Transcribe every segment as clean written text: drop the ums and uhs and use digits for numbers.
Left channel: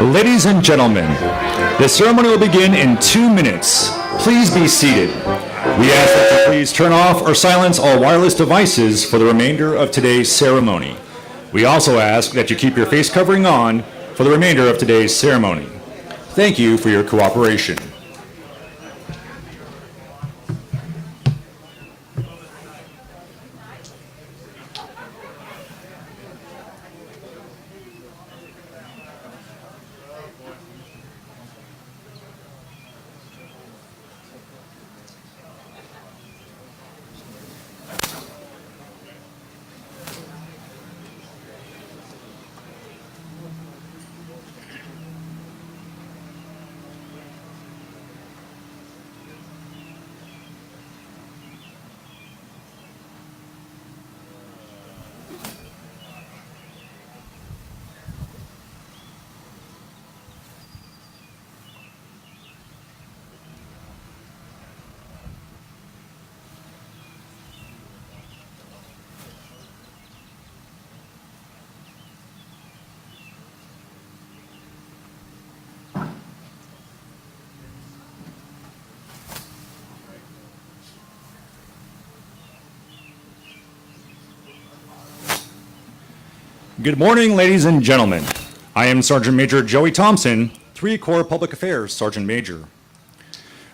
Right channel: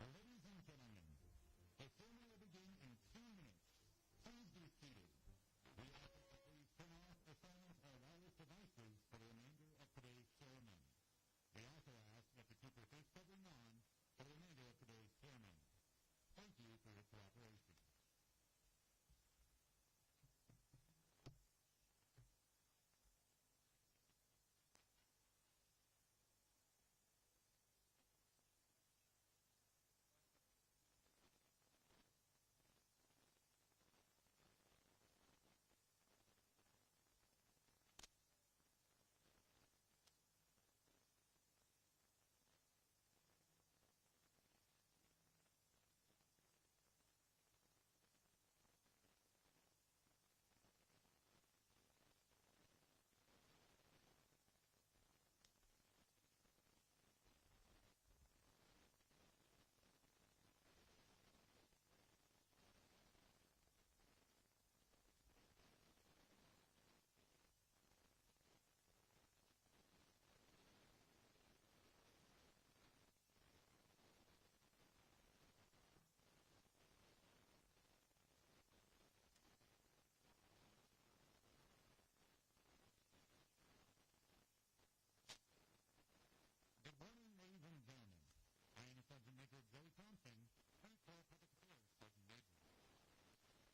Ladies and gentlemen, the ceremony will begin in 2 minutes. Please be seated. We ask that you please turn off or silence all wireless devices for the remainder of today's ceremony. We also ask that you keep your face covering on for the remainder of today's ceremony. Thank you for your cooperation. Good morning, ladies and gentlemen. I am Sergeant Major Joey Thompson, 3 Corps Public Affairs Sergeant Major.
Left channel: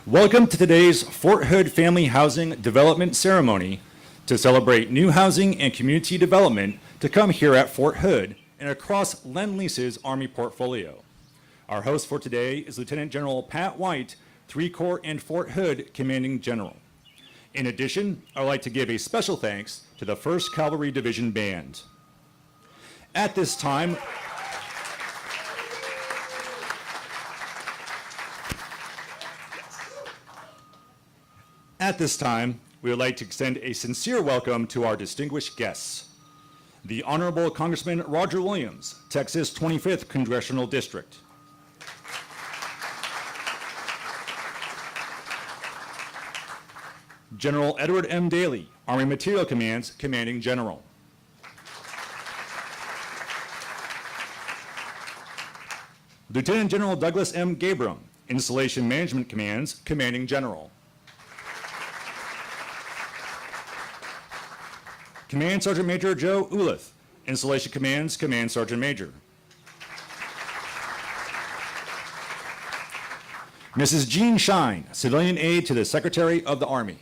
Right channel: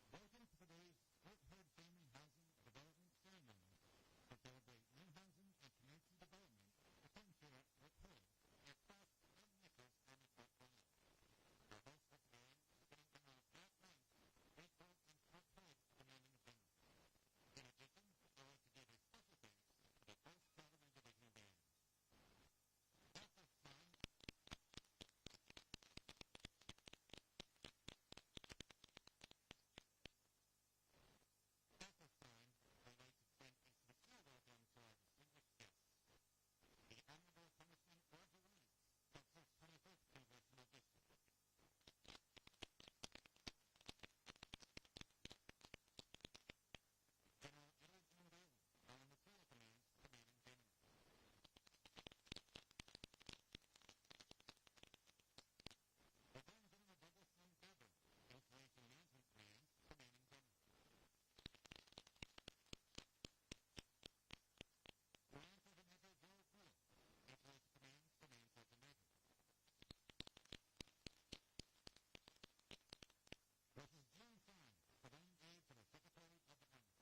Welcome to today's Fort Hood Family Housing Development Ceremony to celebrate new housing and community development to come here at Fort Hood and across Lendlease's Army portfolio. Our host for today is Lieutenant General Pat White, 3 Corps and Fort Hood Commanding General. In addition, I'd like to give a special thanks to the 1st Cavalry Division Band. At this time, we would like to extend a sincere welcome to our distinguished guests. The Honorable Congressman Roger Williams, Texas 25th Congressional District. General Edward M. Daly, Army Material Command's Commanding General. Lieutenant General Douglas M. Gabram, Installation Management Command's Commanding General. Command Sergeant Major Joe Ulith, Installation Command's Command Sergeant Major. Mrs. Jean Shine, Civilian Aide to the Secretary of the Army.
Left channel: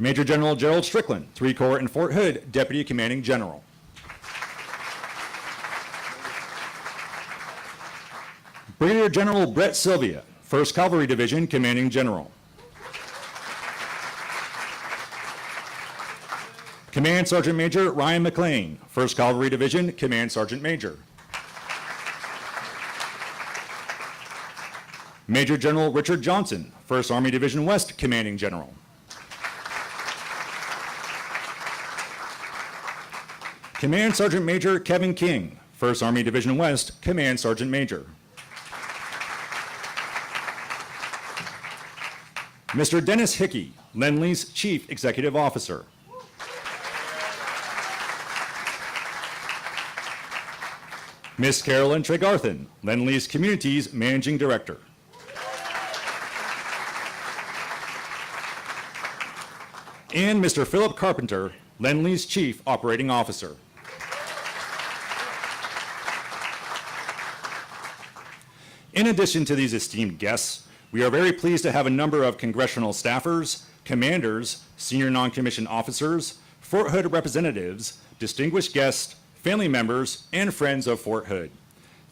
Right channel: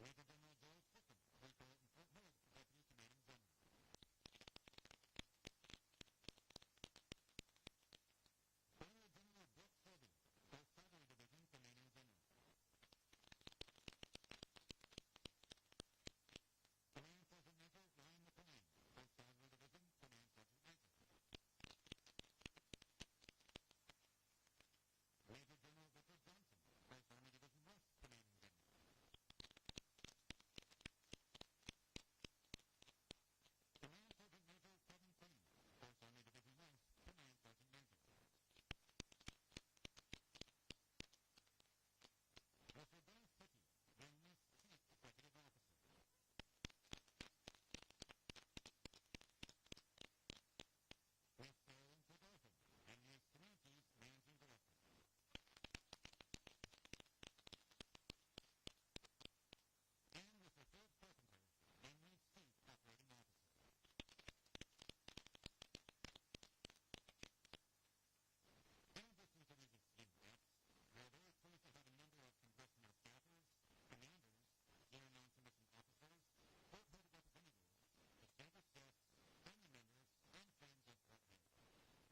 Major General Gerald Strickland, 3 Corps and Fort Hood Deputy Commanding General. Brigadier General Brett Sylvia, 1st Cavalry Division Commanding General. Command Sergeant Major Ryan McLean, 1st Cavalry Division Command Sergeant Major. Major General Richard Johnson, 1st Army Division West Commanding General. Command Sergeant Major Kevin King, 1st Army Division West, Command Sergeant Major. Mr. Dennis Hickey, Lendlease Chief Executive Officer. Ms. Carolyn Tregarthen, Lendlease Communities Managing Director. And Mr. Philip Carpenter, Lendlease Chief Operating Officer. In addition to these esteemed guests, we are very pleased to have a number of congressional staffers, commanders, senior non-commissioned officers, Fort Hood representatives, distinguished guests, family members, and friends of Fort Hood.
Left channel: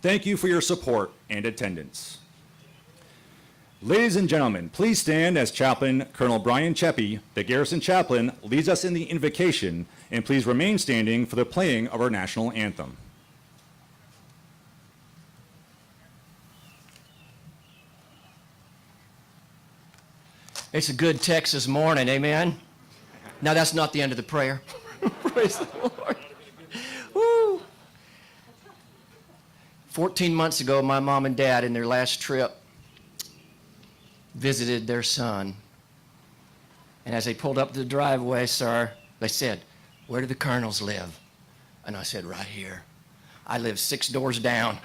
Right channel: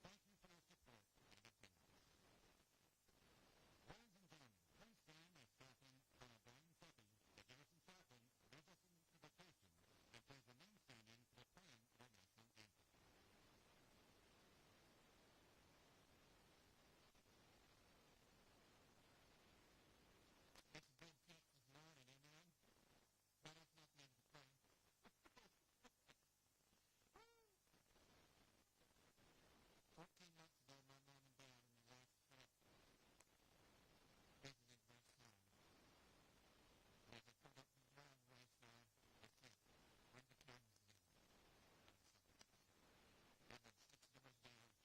Thank you for your support and attendance. Ladies and gentlemen, please stand as Chaplain Colonel Brian Cheppy, the Garrison Chaplain, leads us in the invocation, and please remain standing for the playing of our national anthem. It's a good Texas morning, amen? Now that's not the end of the prayer. Praise the Lord. Woo. 14 months ago, my mom and dad, in their last trip, visited their son. And as they pulled up to the driveway, sir, they said, "Where do the Colonels live?" And I said, "Right here. I live 6 doors down.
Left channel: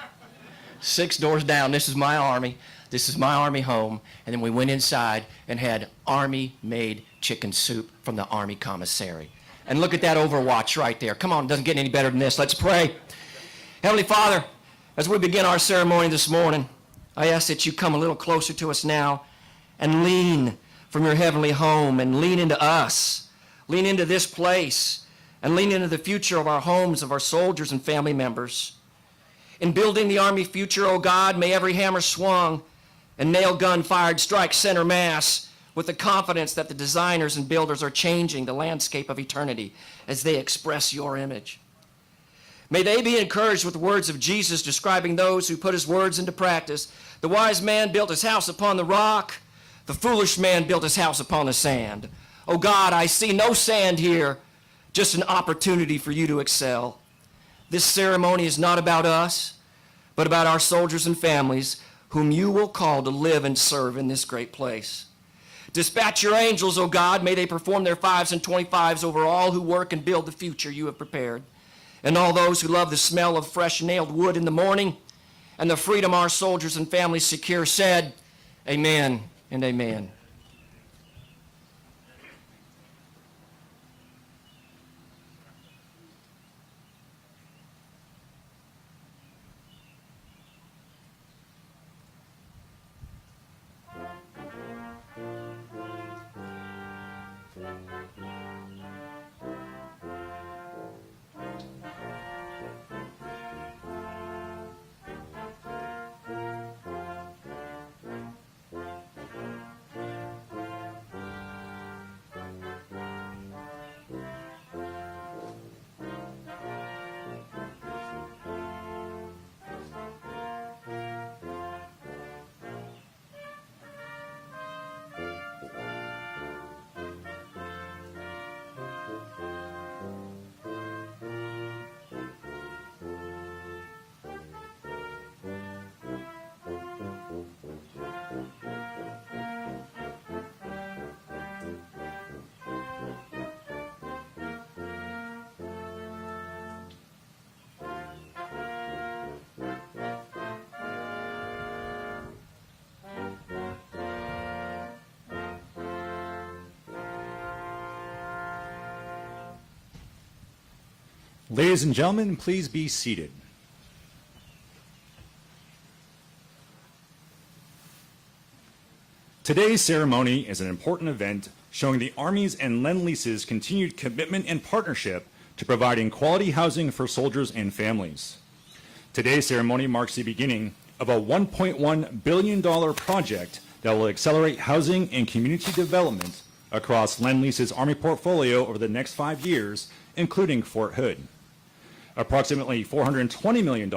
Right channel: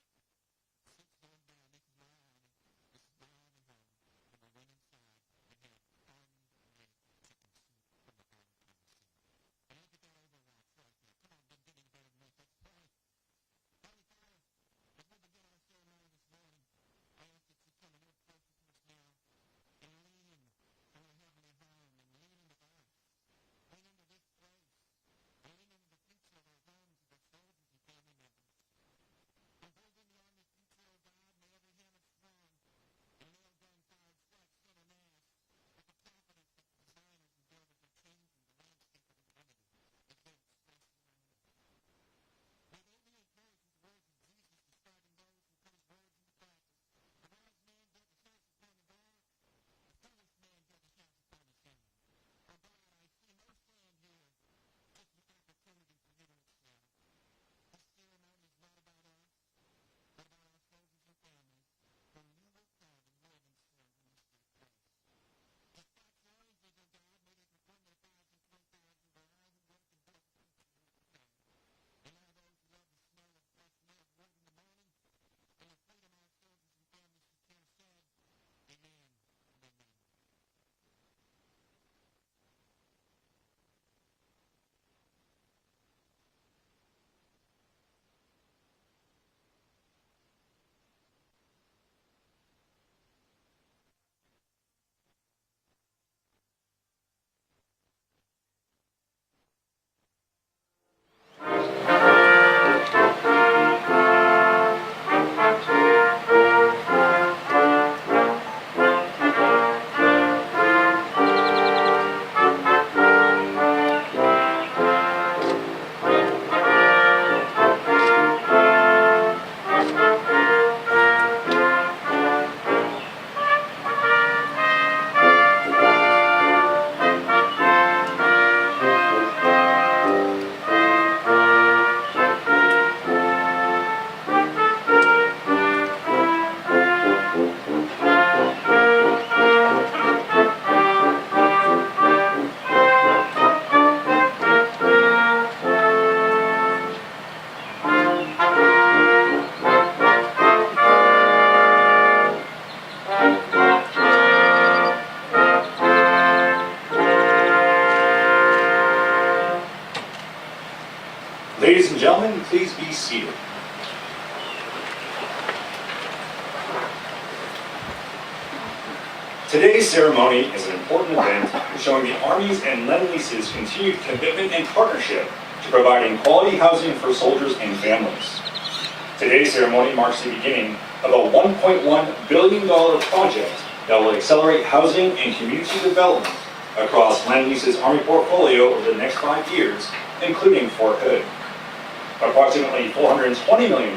6 doors down. This is my army. This is my army home." And then we went inside and had army-made chicken soup from the Army commissary. And look at that Overwatch right there. Come on, it doesn't get any better than this. Let's pray. Heavenly Father, as we begin our ceremony this morning, I ask that you come a little closer to us now and lean from your heavenly home and lean into us. Lean into this place and lean into the future of our homes, of our soldiers and family members. In building the Army future, oh God, may every hammer swung and nail gun fired strike center mass with the confidence that the designers and builders are changing the landscape of eternity as they express your image. May they be encouraged with the words of Jesus describing those who put his words into practice. The wise man built his house upon the rock. The foolish man built his house upon the sand. Oh God, I see no sand here, just an opportunity for you to excel. This ceremony is not about us, but about our soldiers and families whom you will call to live and serve in this great place. Dispatch your angels, O God, may they perform their 5s and 25s over all who work and build the future you have prepared. And all those who love the smell of fresh nailed wood in the morning and the freedom our soldiers and families secure said, amen and amen. Ladies and gentlemen, please be seated. Today's ceremony is an important event showing the Army's and Lendlease's continued commitment and partnership to providing quality housing for soldiers and families. Today's ceremony marks the beginning of a $1.1 billion project that will accelerate housing and community development across Lendlease's Army portfolio over the next 5 years, including Fort Hood. Approximately $420 million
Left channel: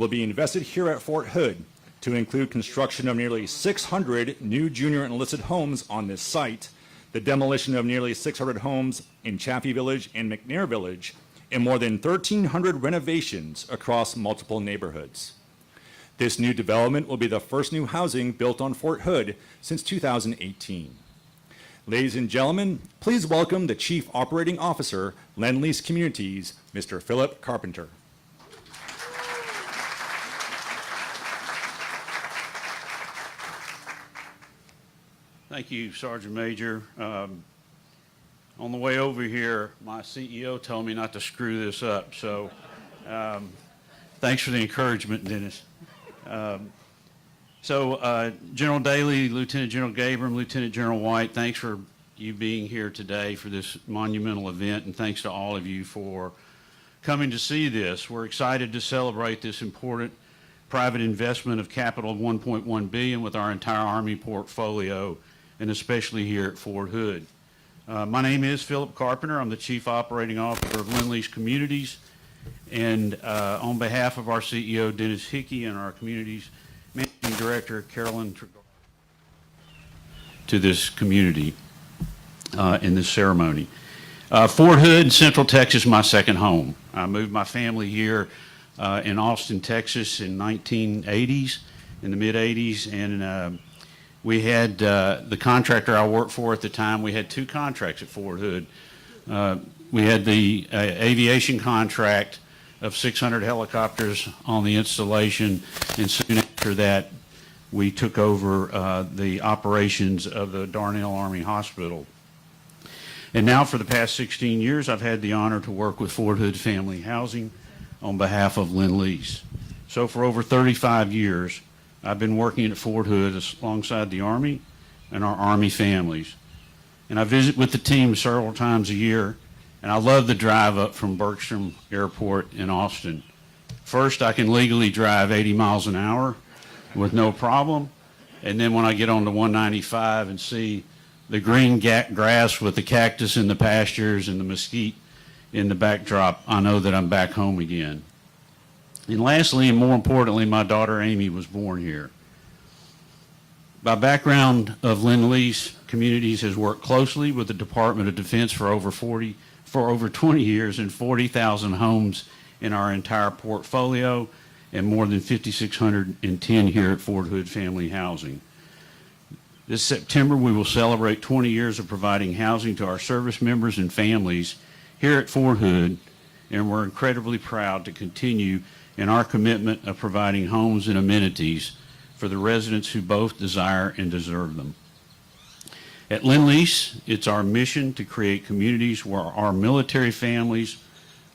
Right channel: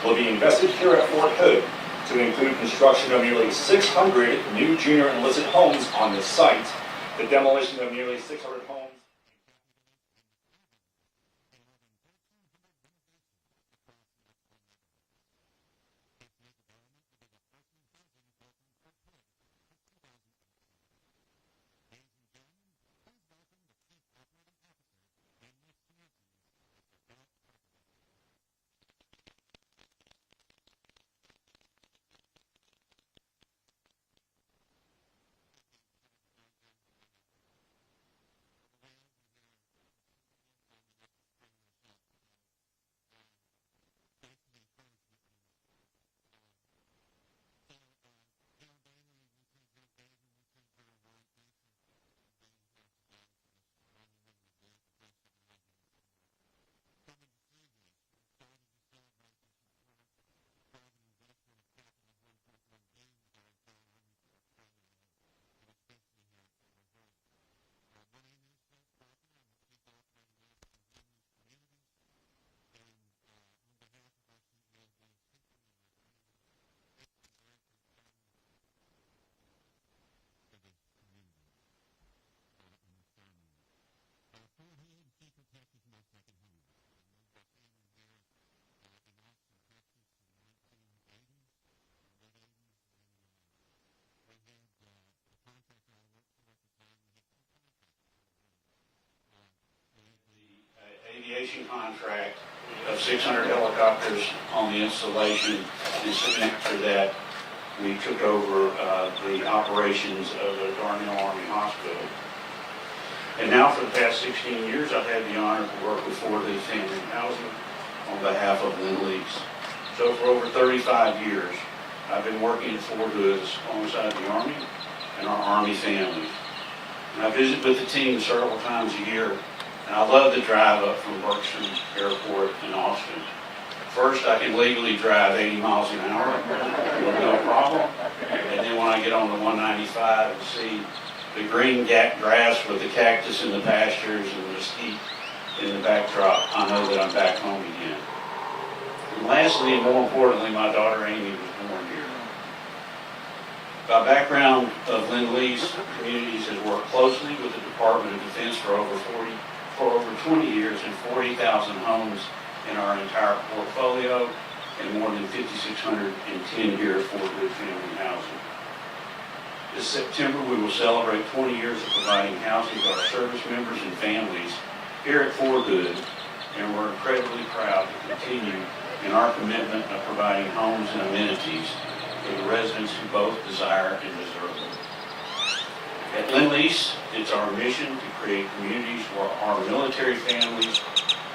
will be invested here at Fort Hood to include construction of nearly 600 new junior enlisted homes on the site, the demolition of nearly 600 homes in Chaffee Village and McNair Village, and more than 1,300 renovations across multiple neighborhoods. This new development will be the first new housing built on Fort Hood since 2018. Ladies and gentlemen, please welcome the Chief Operating Officer, Lendlease Communities, Mr. Philip Carpenter. Thank you, Sergeant Major. On the way over here, my CEO told me not to screw this up, so thanks for the encouragement, Dennis. General Daly, Lieutenant General Gabram, Lieutenant General White, thanks for you being here today for this monumental event, and thanks to all of you for coming to see this. We're excited to celebrate this important private investment of capital of $1.1 billion with our entire Army portfolio, and especially here at Fort Hood. My name is Philip Carpenter. I'm the Chief Operating Officer of Lendlease Communities, and on behalf of our CEO, Dennis Hickey, and our Communities Managing Director, Carolyn Tregar, to this community in this ceremony. Fort Hood, Central Texas, my second home. I moved my family here in Austin, Texas in 1980s, in the mid-80s, and we had the contractor I worked for at the time, we had two contracts at Fort Hood. We had the aviation contract of 600 helicopters on the installation, and soon after that, we took over the operations of the Darnell Army Hospital. And now for the past 16 years, I've had the honor to work with Fort Hood Family Housing on behalf of Lendlease. So for over 35 years, I've been working at Fort Hood alongside the Army and our Army families. And I visit with the team several times a year, and I love the drive up from Bergstrom Airport in Austin. First, I can legally drive 80 miles an hour with no problem, and then when I get on the 195 and see the green grass with the cactus in the pastures and the mesquite in the backdrop, I know that I'm back home again. And lastly, and more importantly, my daughter Amy was born here. By background of Lendlease Communities has worked closely with the Department of Defense for over 20 years and 40,000 homes in our entire portfolio and more than 5,610 here at Fort Hood Family Housing. This September, we will celebrate 20 years of providing housing to our service members and families here at Fort Hood, and we're incredibly proud to continue in our commitment of providing homes and amenities for the residents who both desire and deserve them. At Lendlease, it's our mission to create communities where our military families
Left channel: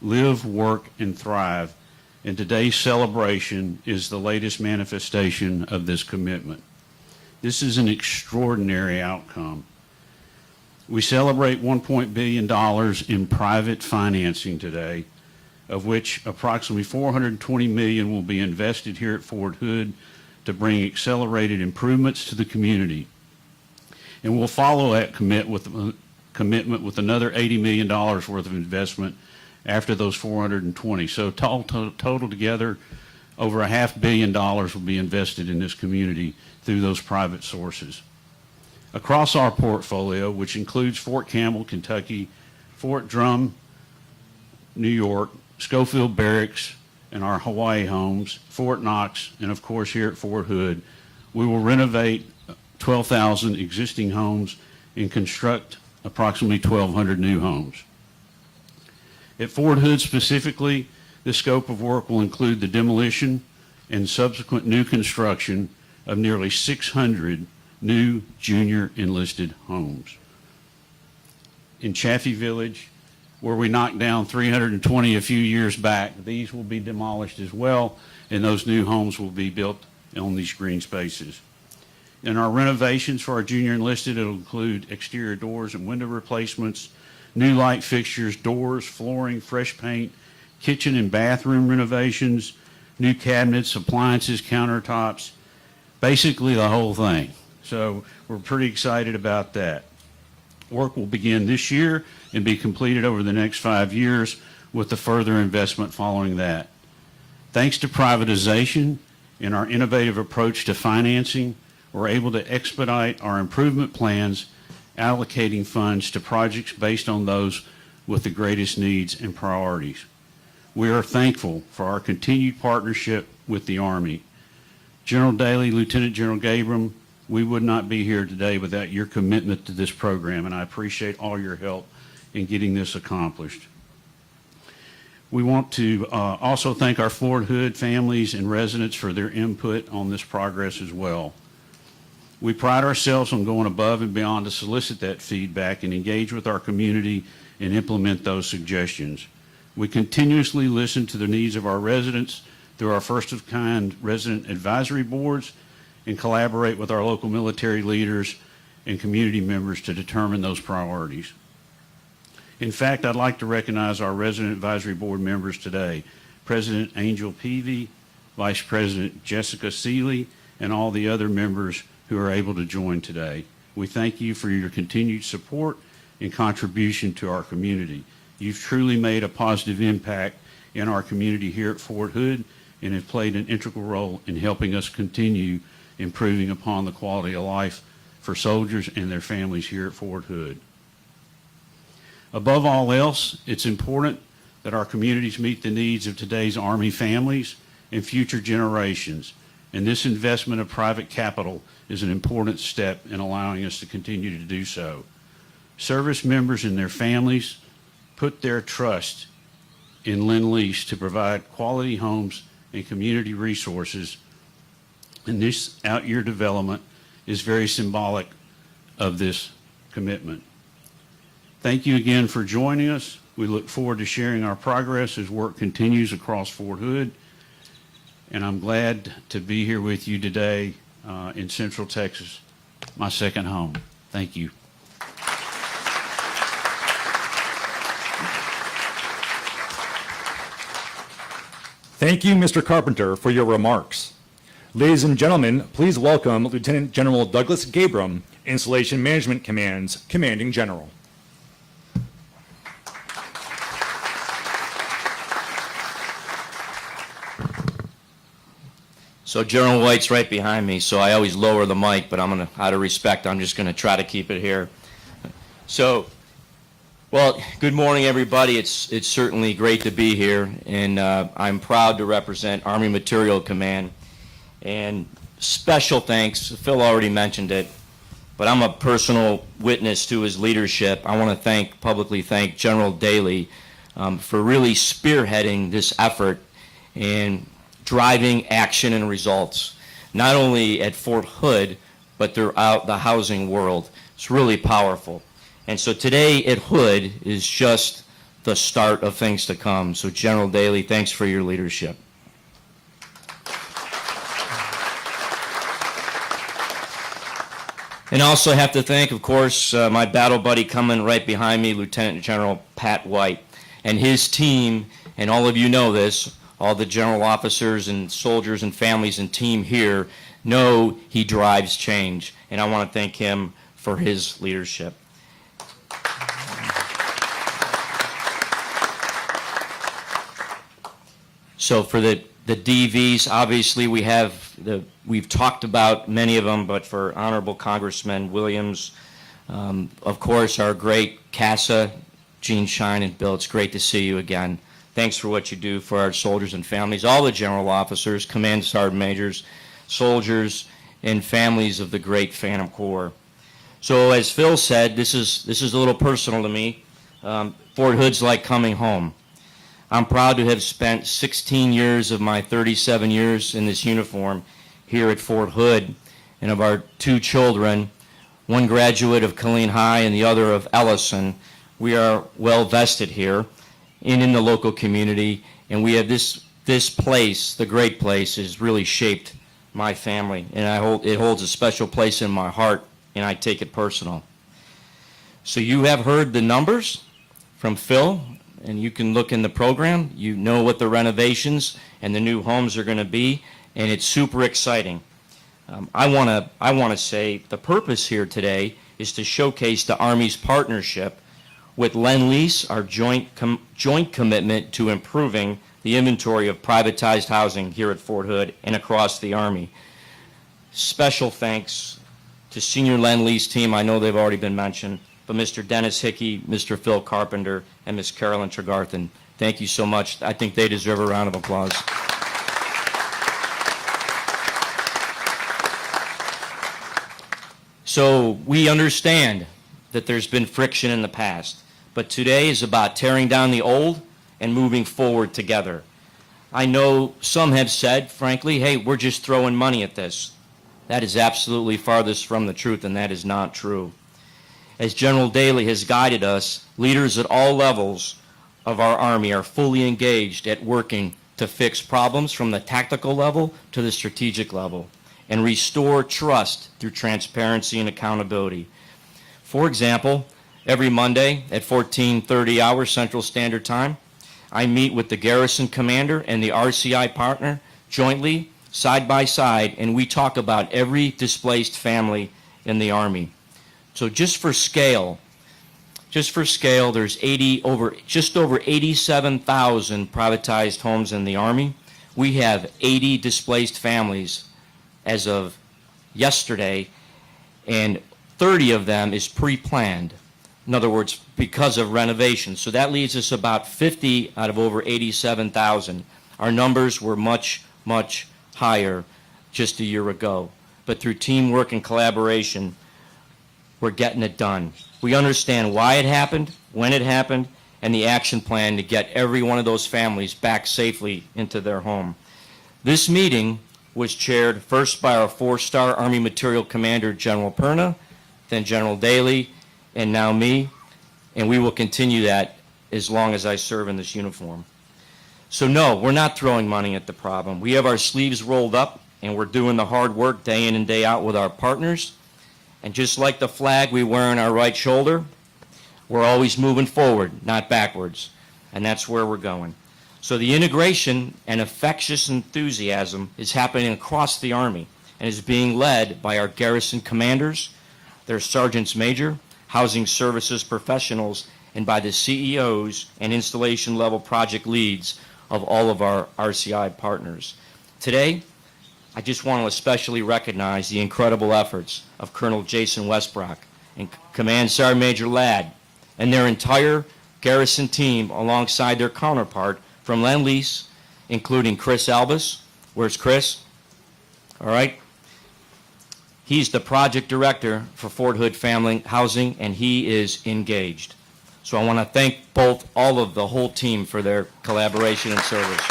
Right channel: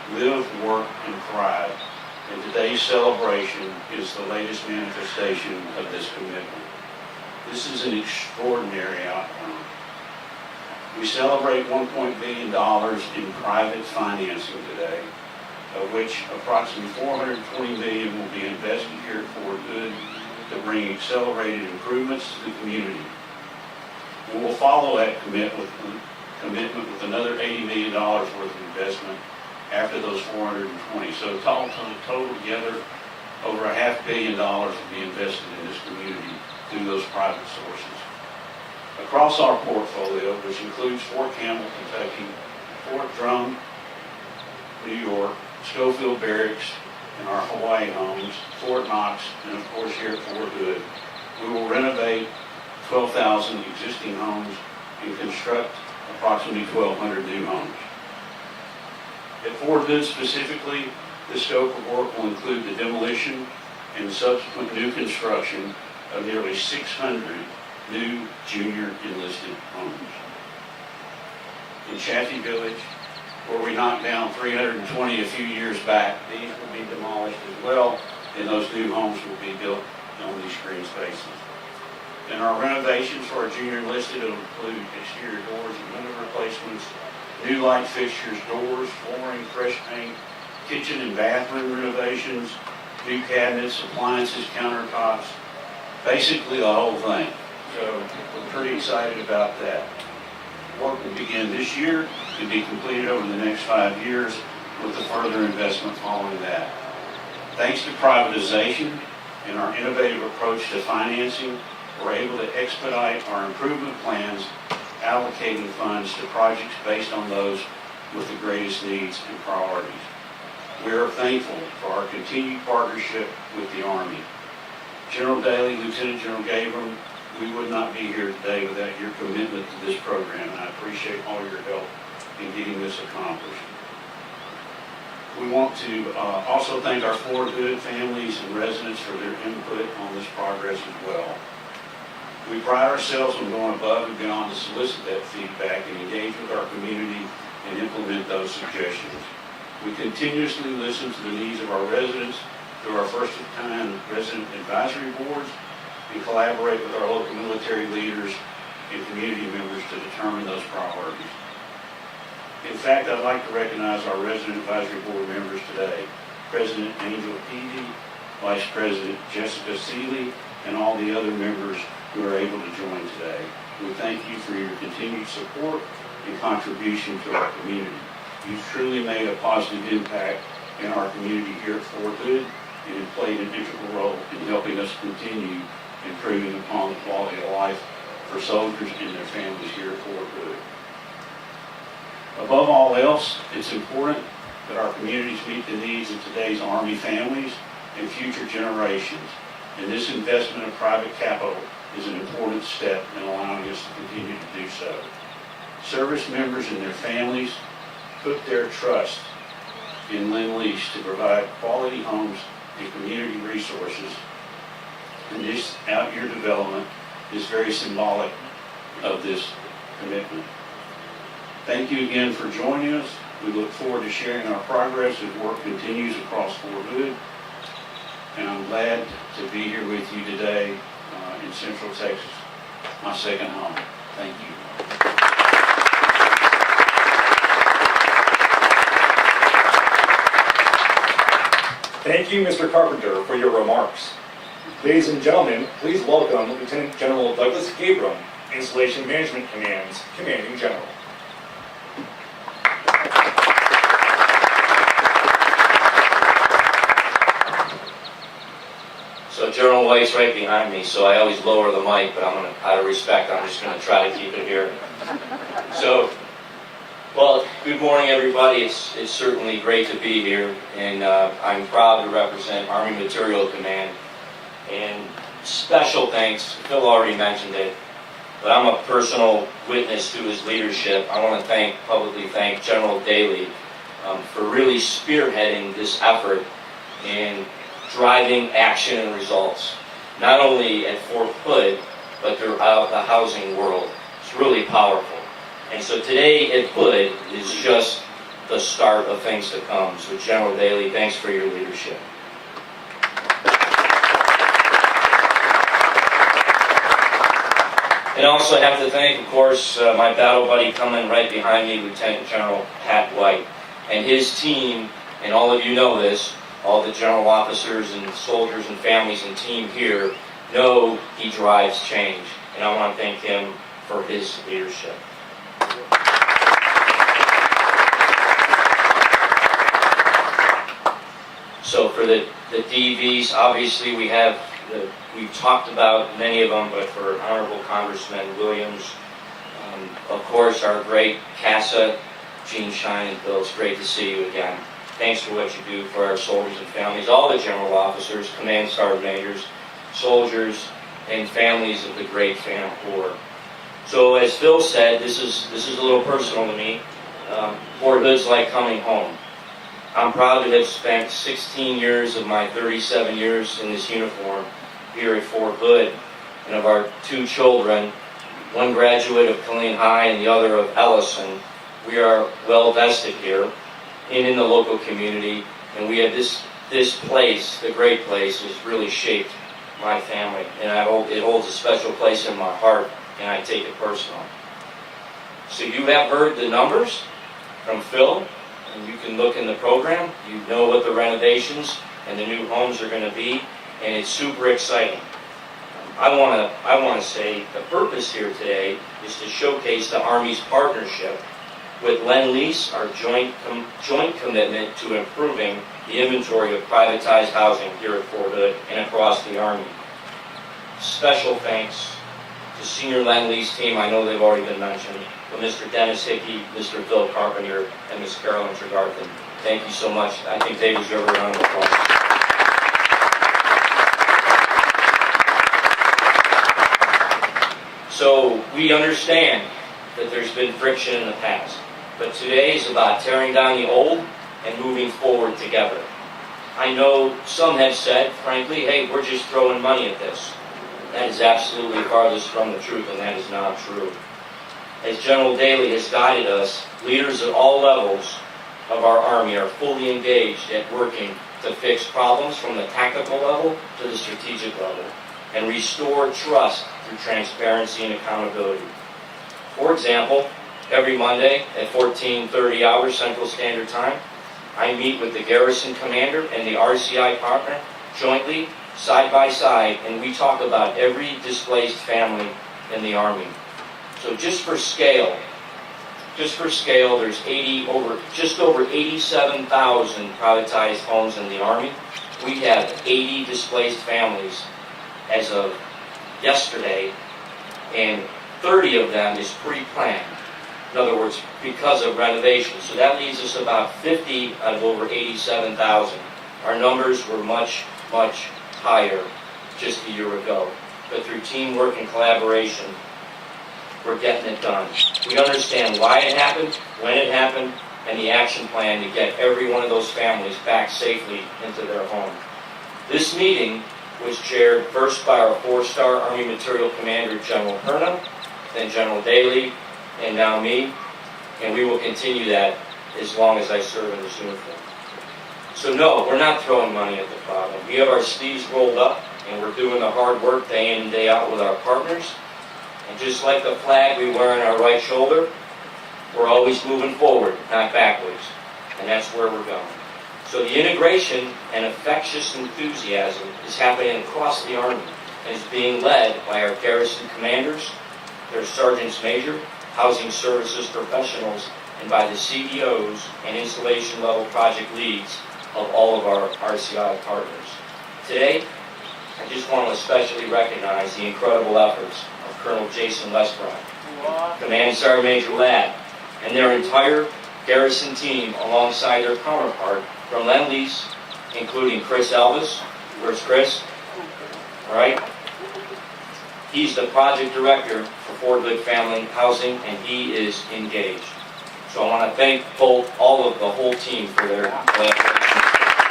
live, work, and thrive, and today's celebration is the latest manifestation of this commitment. This is an extraordinary outcome. We celebrate $1 billion in private financing today, of which approximately $420 million will be invested here at Fort Hood to bring accelerated improvements to the community. And we'll follow that commitment with another $80 million worth of investment after those 420. So total together, over $500 million will be invested in this community through those private sources. Across our portfolio, which includes Fort Campbell, Kentucky, Fort Drum, New York, Schofield Barracks, and our Hawaii homes, Fort Knox, and of course here at Fort Hood, we will renovate 12,000 existing homes and construct approximately 1,200 new homes. At Fort Hood specifically, the scope of work will include the demolition and subsequent new construction of nearly 600 new junior enlisted homes. In Chaffee Village, where we knocked down 320 a few years back, these will be demolished as well, and those new homes will be built on these green spaces. In our renovations for our junior enlisted, it will include exterior doors and window replacements, new light fixtures, doors, flooring, fresh paint, kitchen and bathroom renovations, new cabinets, appliances, countertops, basically the whole thing. So we're pretty excited about that. Work will begin this year and be completed over the next 5 years with the further investment following that. Thanks to privatization and our innovative approach to financing, we're able to expedite our improvement plans, allocating funds to projects based on those with the greatest needs and priorities. We are thankful for our continued partnership with the Army. General Daly, Lieutenant General Gabriel, we would not be here today without your commitment to this program, and I appreciate all your help in getting this accomplished. We want to also thank our Fort Hood families and residents for their input on this progress as well. We pride ourselves on going above and beyond to solicit that feedback and engage with our community and implement those suggestions. We continuously listen to the needs of our residents through our first-of-kind resident advisory boards and collaborate with our local military leaders and community members to determine those priorities. In fact, I'd like to recognize our resident advisory board members today, President Angel Peavy, Vice President Jessica Seeley, and all the other members who are able to join today. We thank you for your continued support and contribution to our community. You've truly made a positive impact in our community here at Fort Hood and have played an integral role in helping us continue improving upon the quality of life for soldiers and their families here at Fort Hood. Above all else, it's important that our communities meet the needs of today's Army families and future generations. And this investment of private capital is an important step in allowing us to continue to do so. Service members and their families put their trust in Lendlease to provide quality homes and community resources. And this out-year development is very symbolic of this commitment. Thank you again for joining us. We look forward to sharing our progress as work continues across Fort Hood. And I'm glad to be here with you today in Central Texas, my second home. Thank you. Thank you, Mr. Carpenter, for your remarks. Ladies and gentlemen, please welcome Lieutenant General Douglas Gabram, Installation Management Command's Commanding General. So General White's right behind me, so I always lower the mic, but out of respect, I'm just gonna try to keep it here. So, well, good morning, everybody. It's certainly great to be here, and I'm proud to represent Army Material Command. And special thanks, Phil already mentioned it, but I'm a personal witness to his leadership. I want to publicly thank General Daly for really spearheading this effort and driving action and results, not only at Fort Hood, but throughout the housing world. It's really powerful. And so today at Hood is just the start of things to come. So General Daly, thanks for your leadership. And I also have to thank, of course, my battle buddy coming right behind me, Lieutenant General Pat White, and his team, and all of you know this, all the general officers and soldiers and families and team here know he drives change, and I want to thank him for his leadership. So for the DVs, obviously we've talked about many of them, but for Honorable Congressman Williams, of course our great CASA, Gene Shine and Bill, it's great to see you again. Thanks for what you do for our soldiers and families, all the general officers, command sergeant majors, soldiers, and families of the great Phantom Corps. So as Phil said, this is a little personal to me. Fort Hood's like coming home. I'm proud to have spent 16 years of my 37 years in this uniform here at Fort Hood, and of our two children, one graduate of Killeen High and the other of Ellison. We are well vested here and in the local community, and we have this place, the great place, has really shaped my family, and I hope it holds a special place in my heart, and I take it personal. So you have heard the numbers from Phil, and you can look in the program. You know what the renovations and the new homes are going to be, and it's super exciting. I want to say the purpose here today is to showcase the Army's partnership with Lendlease, our joint commitment to improving the inventory of privatized housing here at Fort Hood and across the Army. Special thanks to senior Lendlease team. I know they've already been mentioned, but Mr. Dennis Hickey, Mr. Phil Carpenter, and Ms. Carolyn Tregarthen. Thank you so much. I think they deserve a round of applause. So we understand that there's been friction in the past, but today is about tearing down the old and moving forward together. I know some have said, frankly, hey, we're just throwing money at this. That is absolutely farthest from the truth, and that is not true. As General Daly has guided us, leaders at all levels of our Army are fully engaged at working to fix problems from the tactical level to the strategic level and restore trust through transparency and accountability. For example, every Monday at 14:30 hours Central Standard Time, I meet with the garrison commander and the RCI partner jointly, side by side, and we talk about every displaced family in the Army. So just for scale, there's just over 87,000 privatized homes in the Army. We have 80 displaced families as of yesterday, and 30 of them is pre-planned. In other words, because of renovation. So that leaves us about 50 out of over 87,000. Our numbers were much, much higher just a year ago. But through teamwork and collaboration, we're getting it done. We understand why it happened, when it happened, and the action plan to get every one of those families back safely into their home. This meeting was chaired first by our 4-star Army Material Commander, General Perna, then General Daly, and now me, and we will continue that as long as I serve in this uniform. So no, we're not throwing money at the problem. We have our sleeves rolled up, and we're doing the hard work day in and day out with our partners. And just like the flag we wear on our right shoulder, we're always moving forward, not backwards. And that's where we're going. So the integration and infectious enthusiasm is happening across the Army and is being led by our garrison commanders, their sergeants major, housing services professionals, and by the CEOs and installation level project leads of all of our RCI partners. Today, I just want to especially recognize the incredible efforts of Colonel Jason Westbrook and Command Sergeant Major Ladd and their entire garrison team alongside their counterpart from Lendlease, including Chris Elvis. Where's Chris? All right. He's the project director for Fort Hood Family Housing, and he is engaged. So I want to thank all of the whole team for their collaboration and service.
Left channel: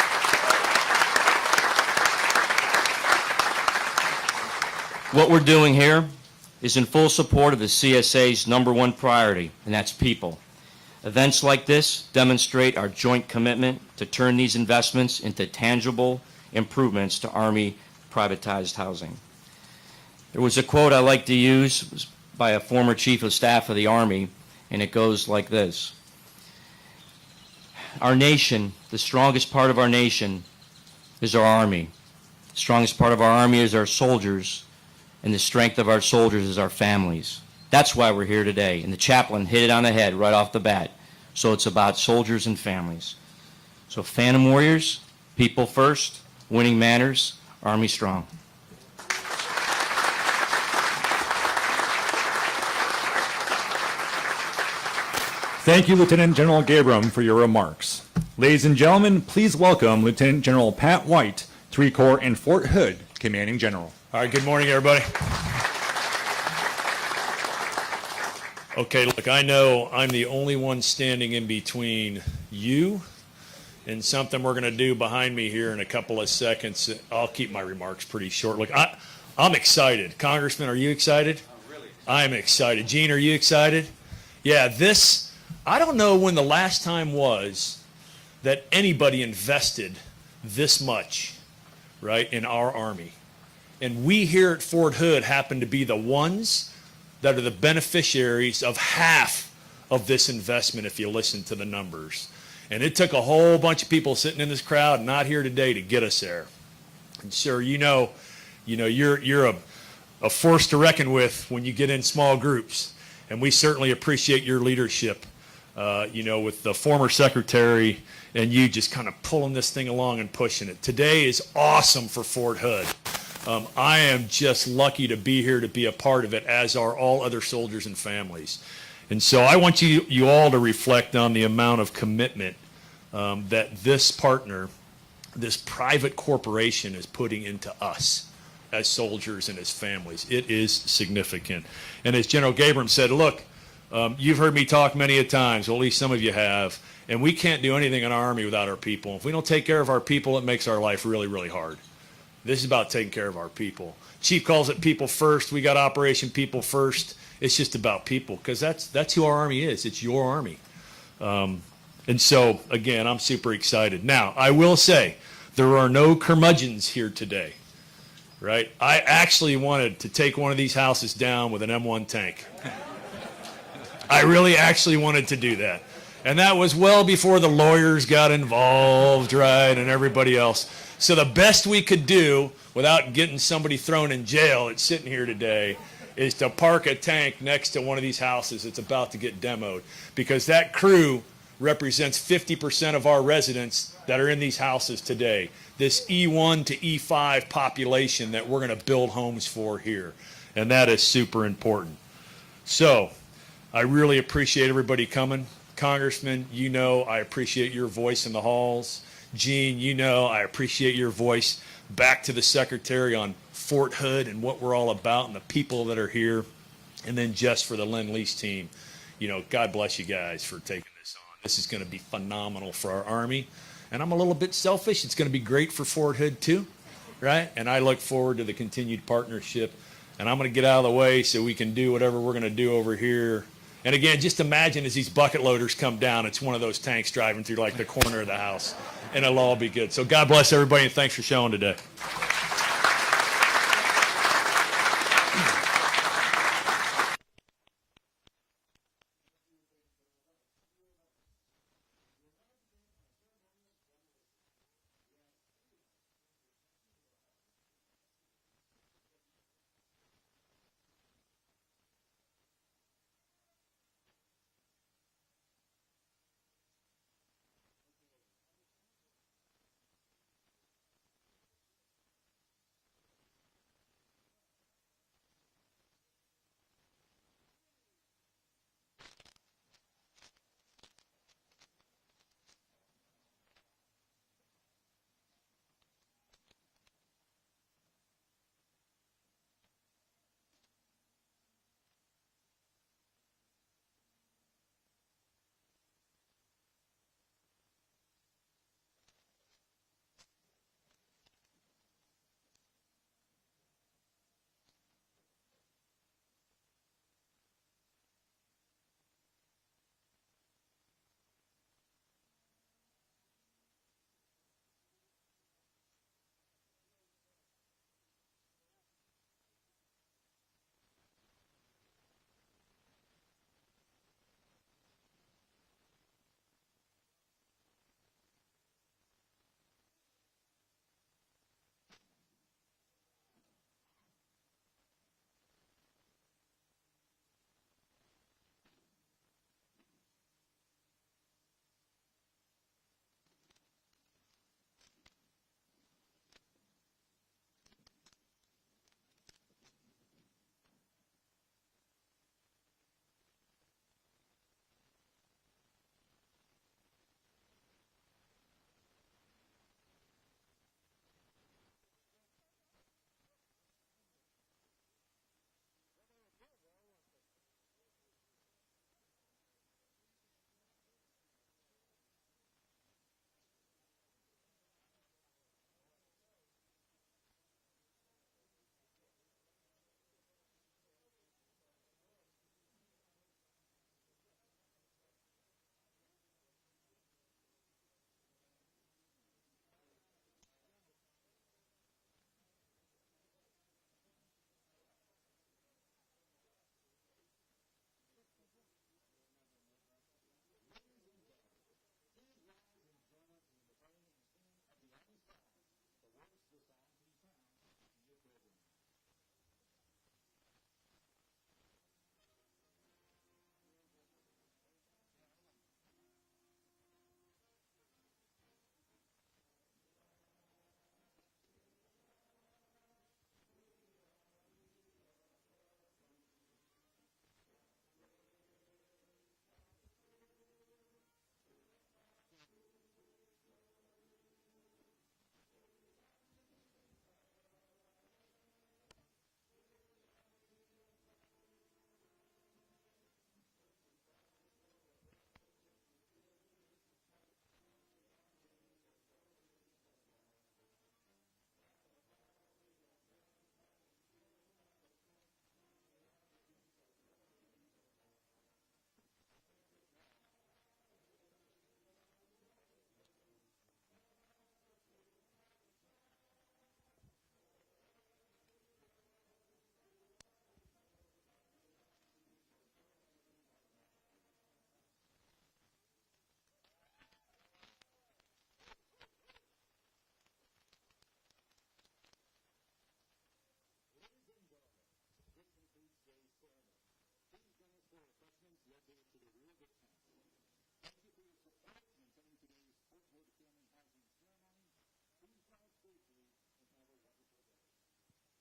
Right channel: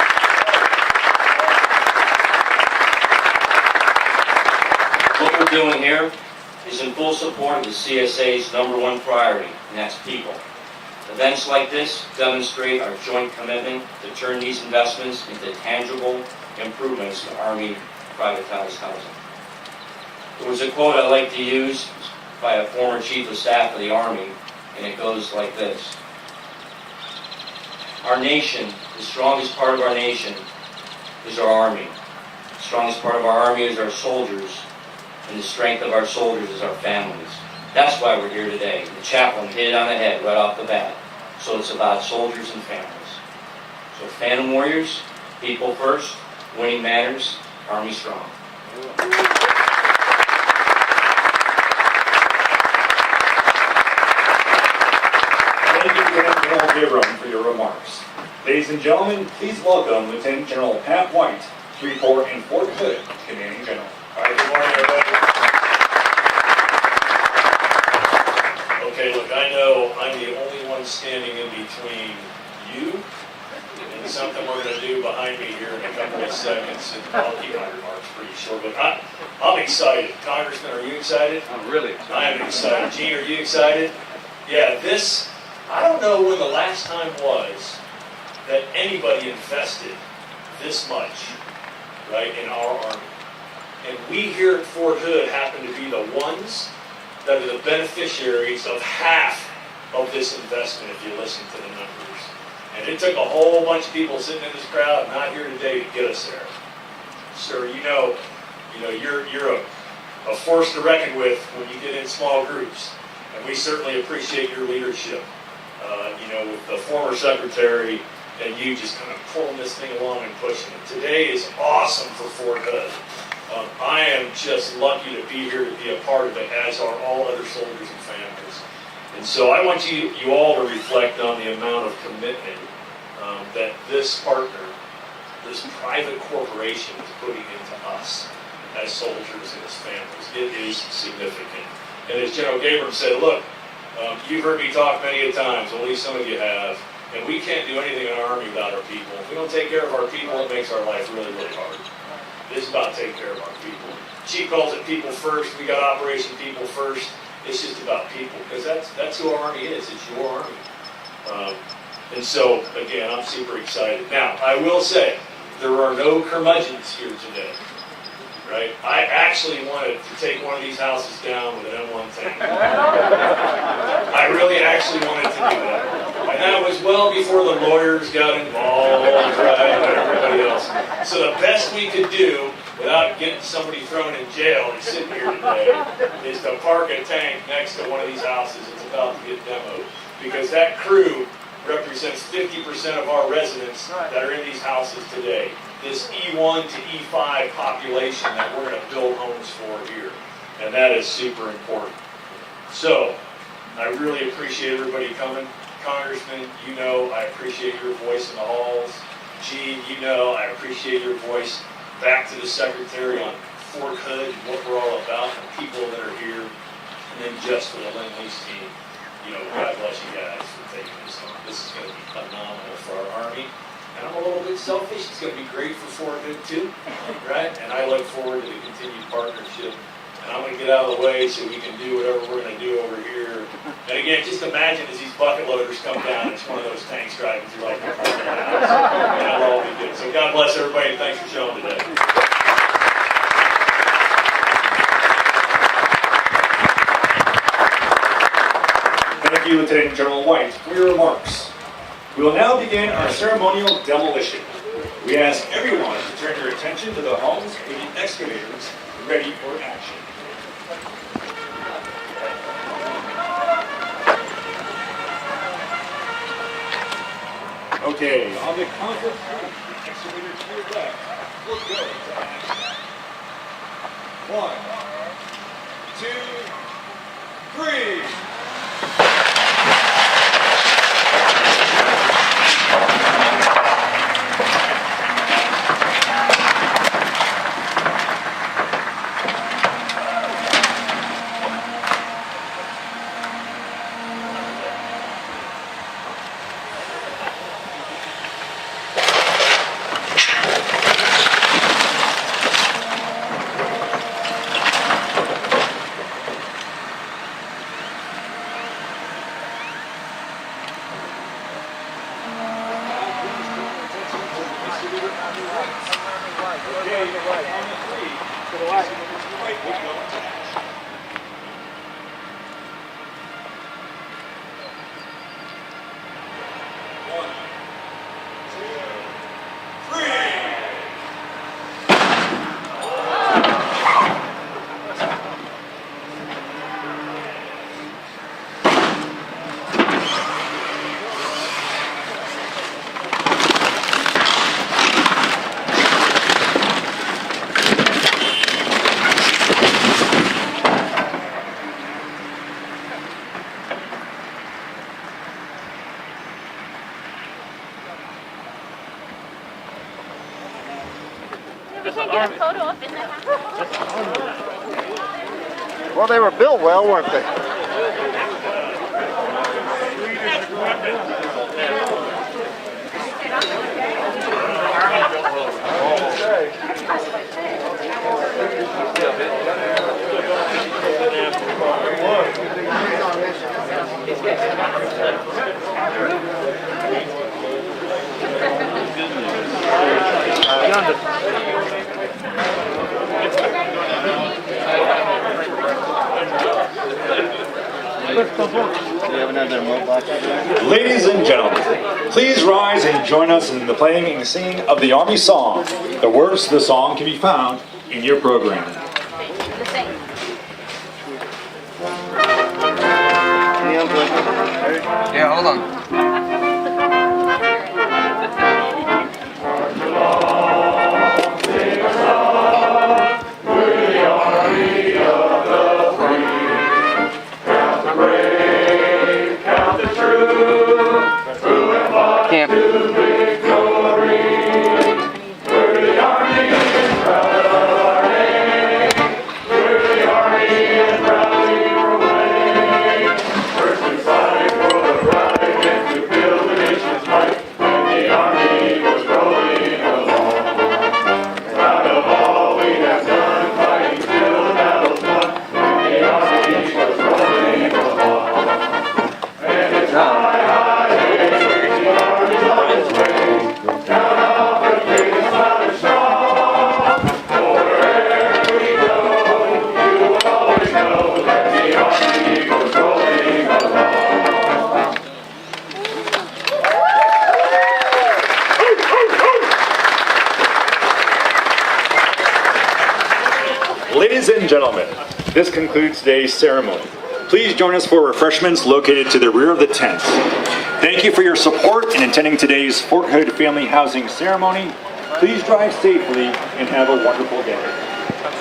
What we're doing here is in full support of the CSA's #1 priority, and that's people. Events like this demonstrate our joint commitment to turn these investments into tangible improvements to Army privatized housing. There was a quote I like to use by a former Chief of Staff of the Army, and it goes like this. Our nation, the strongest part of our nation, is our Army. The strongest part of our Army is our soldiers, and the strength of our soldiers is our families. That's why we're here today. And the chaplain hit it on the head right off the bat. So it's about soldiers and families. So Phantom Warriors, people first, winning matters, Army strong. Thank you, Lieutenant General Gabriel, for your remarks. Ladies and gentlemen, please welcome Lieutenant General Pat White, 3 Corps in Fort Hood, Commanding General. All right, good morning, everybody. Okay, look, I know I'm the only one standing in between you and something we're going to do behind me here in a couple of seconds. I'll keep my remarks pretty short. Look, I'm excited. Congressman, are you excited? I'm really excited. I'm excited. Gene, are you excited? Yeah, I don't know when the last time was that anybody invested this much, right, in our Army. And we here at Fort Hood happen to be the ones that are the beneficiaries of half of this investment if you listen to the numbers. And it took a whole bunch of people sitting in this crowd not here today to get us there. And sir, you're a force to reckon with when you get in small groups. And we certainly appreciate your leadership, with the former secretary and you just kind of pulling this thing along and pushing it. Today is awesome for Fort Hood. I am just lucky to be here to be a part of it, as are all other soldiers and families. And so I want you all to reflect on the amount of commitment that this partner, this private corporation, is putting into us as soldiers and as families. It is significant. And as General Gabriel said, look, you've heard me talk many a times, well, at least some of you have, and we can't do anything in our Army without our people. If we don't take care of our people, it makes our life really, really hard. This is about taking care of our people. Chief calls it people first. We got Operation People First. It's just about people, because that's who our Army is. It's your Army. And so, again, I'm super excited. Now, I will say, there are no curmudgeons here today, right? I actually wanted to take one of these houses down with an M1 tank. I really actually wanted to do that. And that was well before the lawyers got involved, right, and everybody else. So the best we could do, without getting somebody thrown in jail that's sitting here today, is to park a tank next to one of these houses that's about to get demoed. Because that crew represents 50% of our residents that are in these houses today. This E1 to E5 population that we're going to build homes for here. And that is super important. So, I really appreciate everybody coming. Congressman, you know I appreciate your voice in the halls. Gene, you know I appreciate your voice back to the Secretary on Fort Hood and what we're all about and the people that are here. And then just for the Lendlease team, you know, God bless you guys for taking this. This is going to be phenomenal for our Army. And I'm a little bit selfish. It's going to be great for Fort Hood too, right? And I look forward to the continued partnership. And I'm going to get out of the way so we can do whatever we're going to do over here. And again, just imagine as these bucket loaders come down, it's one of those tanks driving through like the corner of the house. And it'll all be good. So God bless everybody and thanks for showing today. Thank you, Lieutenant General White, for your remarks. We will now begin our ceremonial demolition. We ask everyone to turn your attention to the homes with the excavators ready for action. Okay, on the count of three, excavator to your left will go to action. 1, 2, 3. We can't get a photo up in the house. Well, they were built well, weren't they? Ladies and gentlemen, please rise and join us in the playing and singing of the Army song. The words to the song can be found in your program. Yeah, hold on. Ladies and gentlemen, this concludes today's ceremony. Please join us for refreshments located to the rear of the tent. Thank you for your support in attending today's Fort Hood Family Housing Ceremony. Please drive safely and have a wonderful day.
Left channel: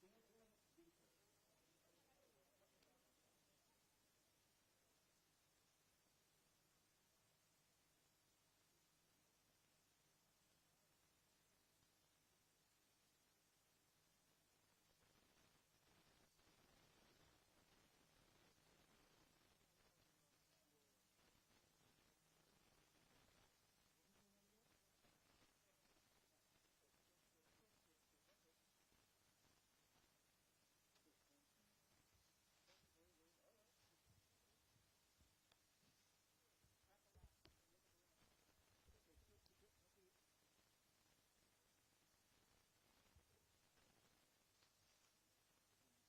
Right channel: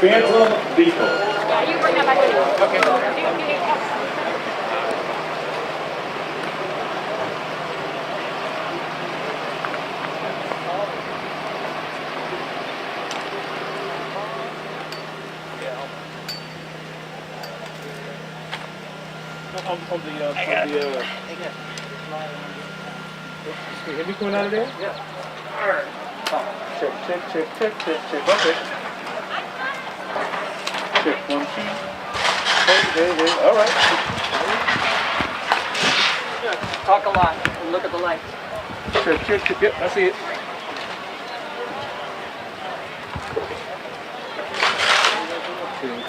Phantom vehicle. Yeah, you bring that back. Okay. Have you going out of there? Yeah. Check. Okay. Check 1, 2. Hey. All right. Talk a lot and look at the lights. Check. Yep, I see it.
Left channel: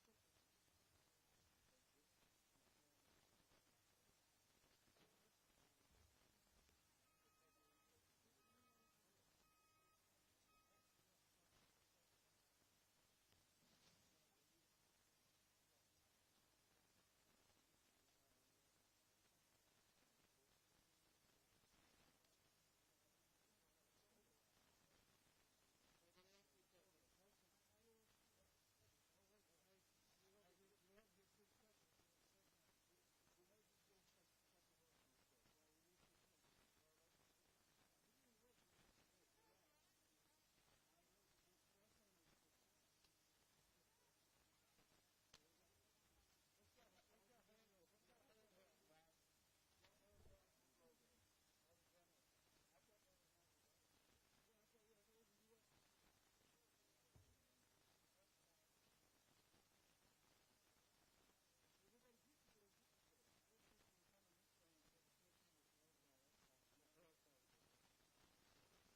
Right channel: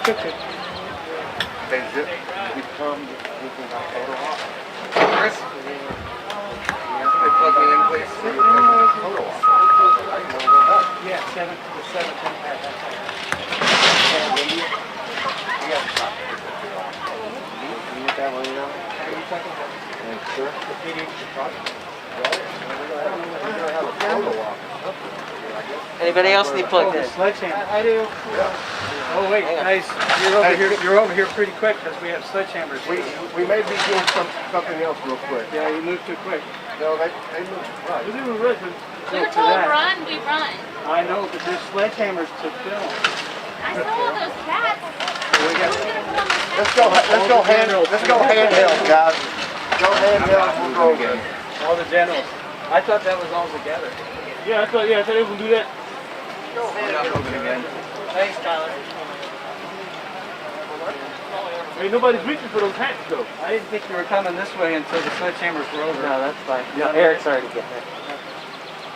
Check. Hey, Zip, we come with my photo op. Chris? They plug me in, please. Photo op. Yeah, 7 to 7. Anybody else need plugged in? I do. Oh wait, guys, you're over here pretty quick because we have sledgehammers. We may be doing something else real quick. Yeah, you moved too quick. No, they move right. We didn't run. We were told run, we run. I know, but there's sledgehammers to film. I saw all those cats. Let's go handheld, guys. Go handheld, we'll go again. All the generals. I thought that was all together. Yeah, I thought they would do that. Thanks, Tyler. Hey, nobody's reaching for those hats, though. I didn't think you were coming this way until the sledgehammers were over. No, that's fine. Yeah, Eric's already getting it.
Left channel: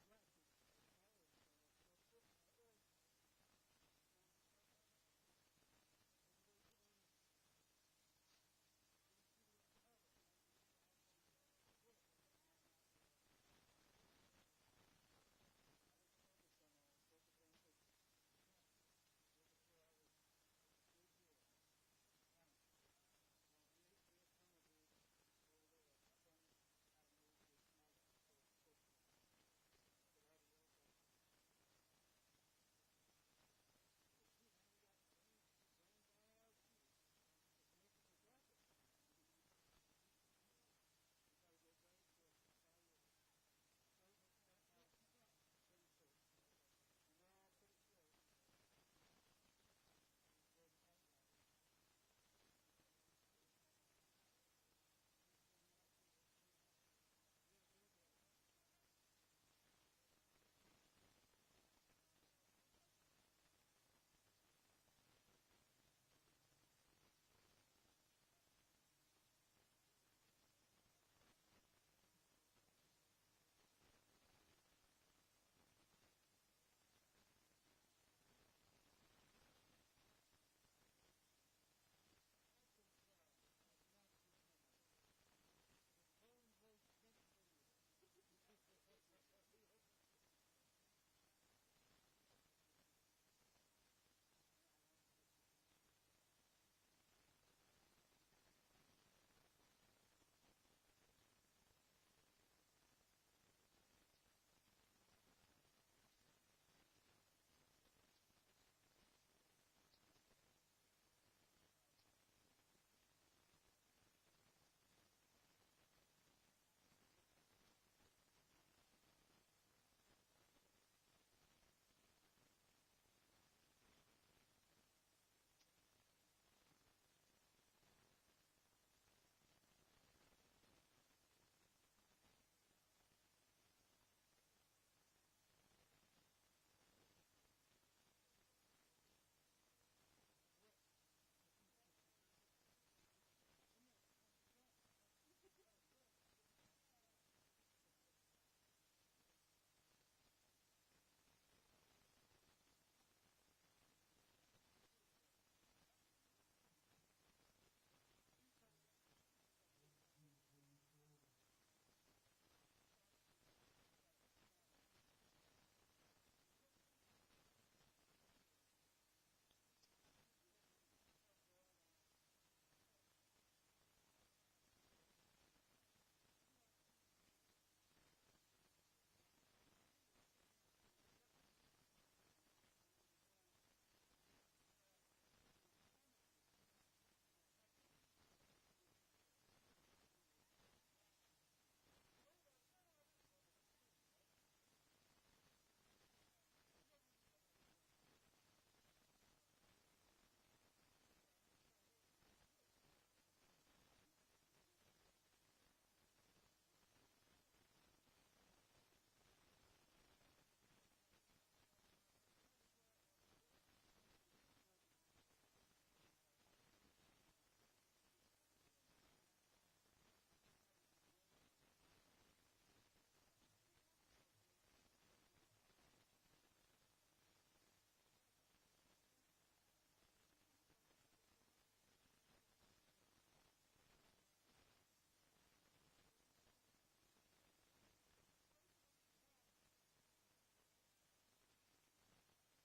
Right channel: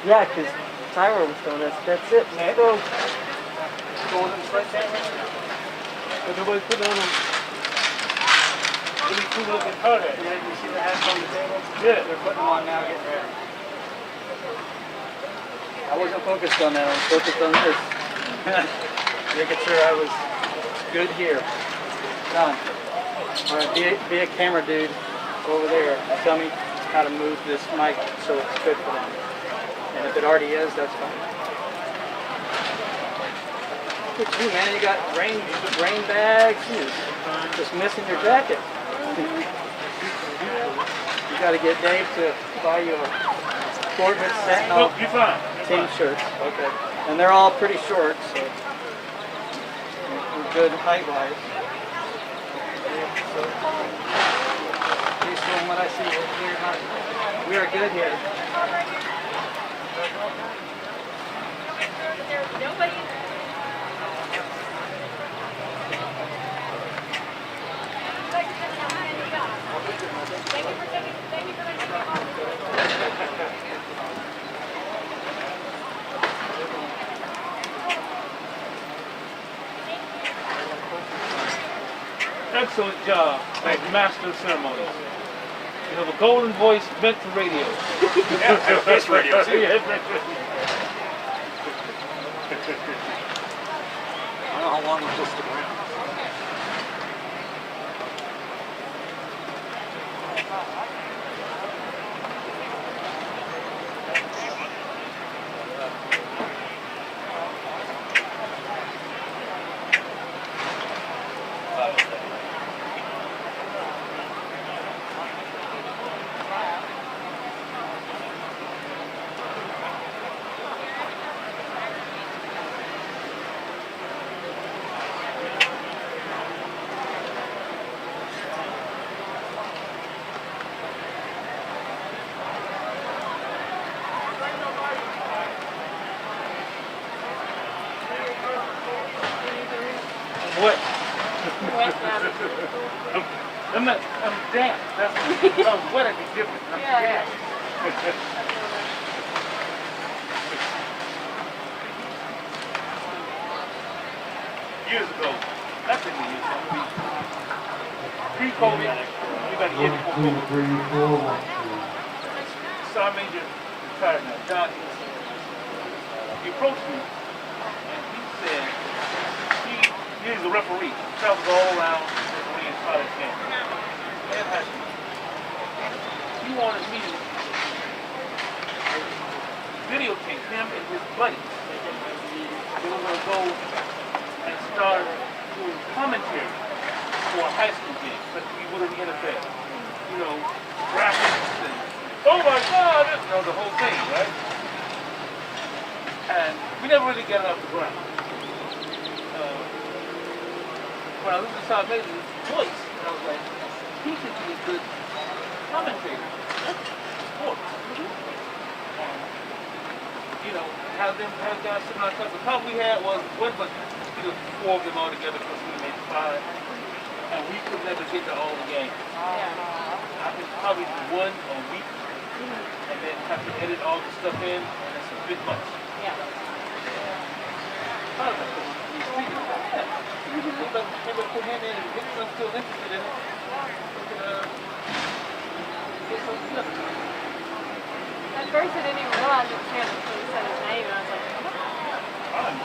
Yeah, because Tyler was telling us, that's it. Let's go. Going in the sledgehammer. But nobody's putting on them. Really cool looking hard at. Yeah, you see the hats on the table? Yeah. They're putting them on now, getting ready. I wasn't focused on that. I was focused on this. Making sure I was good here. Done. All right, be a camera dude over there. Tell me how to move this mic so it's good for them. And if it already is, that's fine. Look at you, man. You got rain bags. Just missing your jacket. You got to get Dave to buy you a Corbett Sentinel team shirts. Okay. And they're all pretty short, so good height-wise. Based on what I see, we are good here. Nobody. Excellent job, master of ceremonies. You have a golden voice meant for radio. That's radio too. Yeah. I don't know how long we'll stick around. What? I'm damp. That's if I was wet, I'd be different. I'm damp. Years ago, that's in the years. Pre-COVID, we got to get before COVID. Sergeant Major retired now. John, he approached me and he said, he's a referee. He travels all around refereeing college games. He wanted me to videotape him and his buddies. They were going to go and start doing commentary for a high school game, but we would have NFL. You know, graphics and, oh my God, the whole thing, right? And we never really got it off the ground. When I looked at Sergeant Major's voice, and I was like, he should be a good commentator. Sports. You know, have guys sitting on top. The problem we had was one, but four of them all together because we made five, and we could never get to all the games. I could probably do one a week, and then have to edit all the stuff in, and it's a bit much. Yeah. Part of it, you see, yeah. You can put your hand in, and if anyone's still interested in it, we can get something done. At first I didn't even realize it was him until he said his name, and I was like, I'm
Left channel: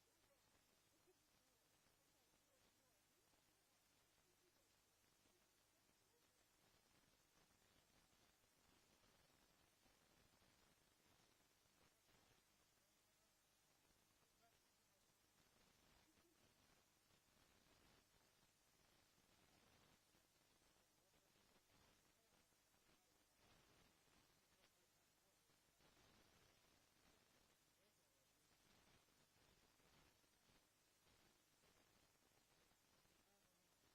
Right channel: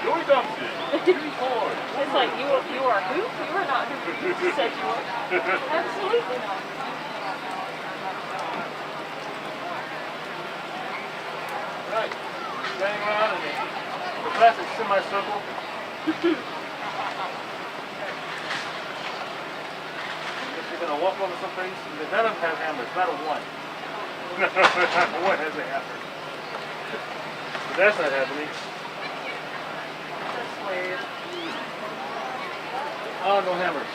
Joey Thompson. it's like, you are who? You are not who you said you were. Absolutely not. Right. Standing around in the classic semicircle. If you're going to walk over some things, none of them have hammers, not a one. One has a hammer. But that's not happening. That's weird. Oh, no hammers.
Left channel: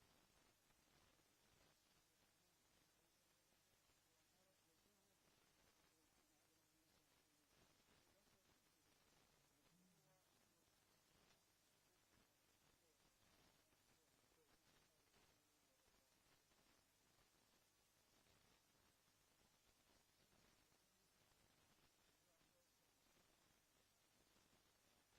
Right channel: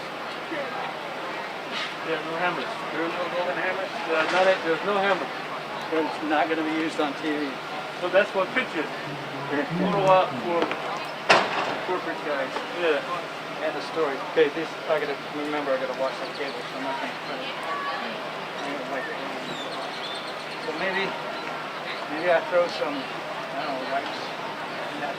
Yeah, no hammers. There are no golden hammers. There's no hammer. It's not going to be used on TV. So that's what pictures. Photo op for Corporate guys. yeah. And the story. Okay, this I gotta remember. I gotta watch that cable, so I'm not gonna print it. So maybe I throw some, I don't know, rice in that.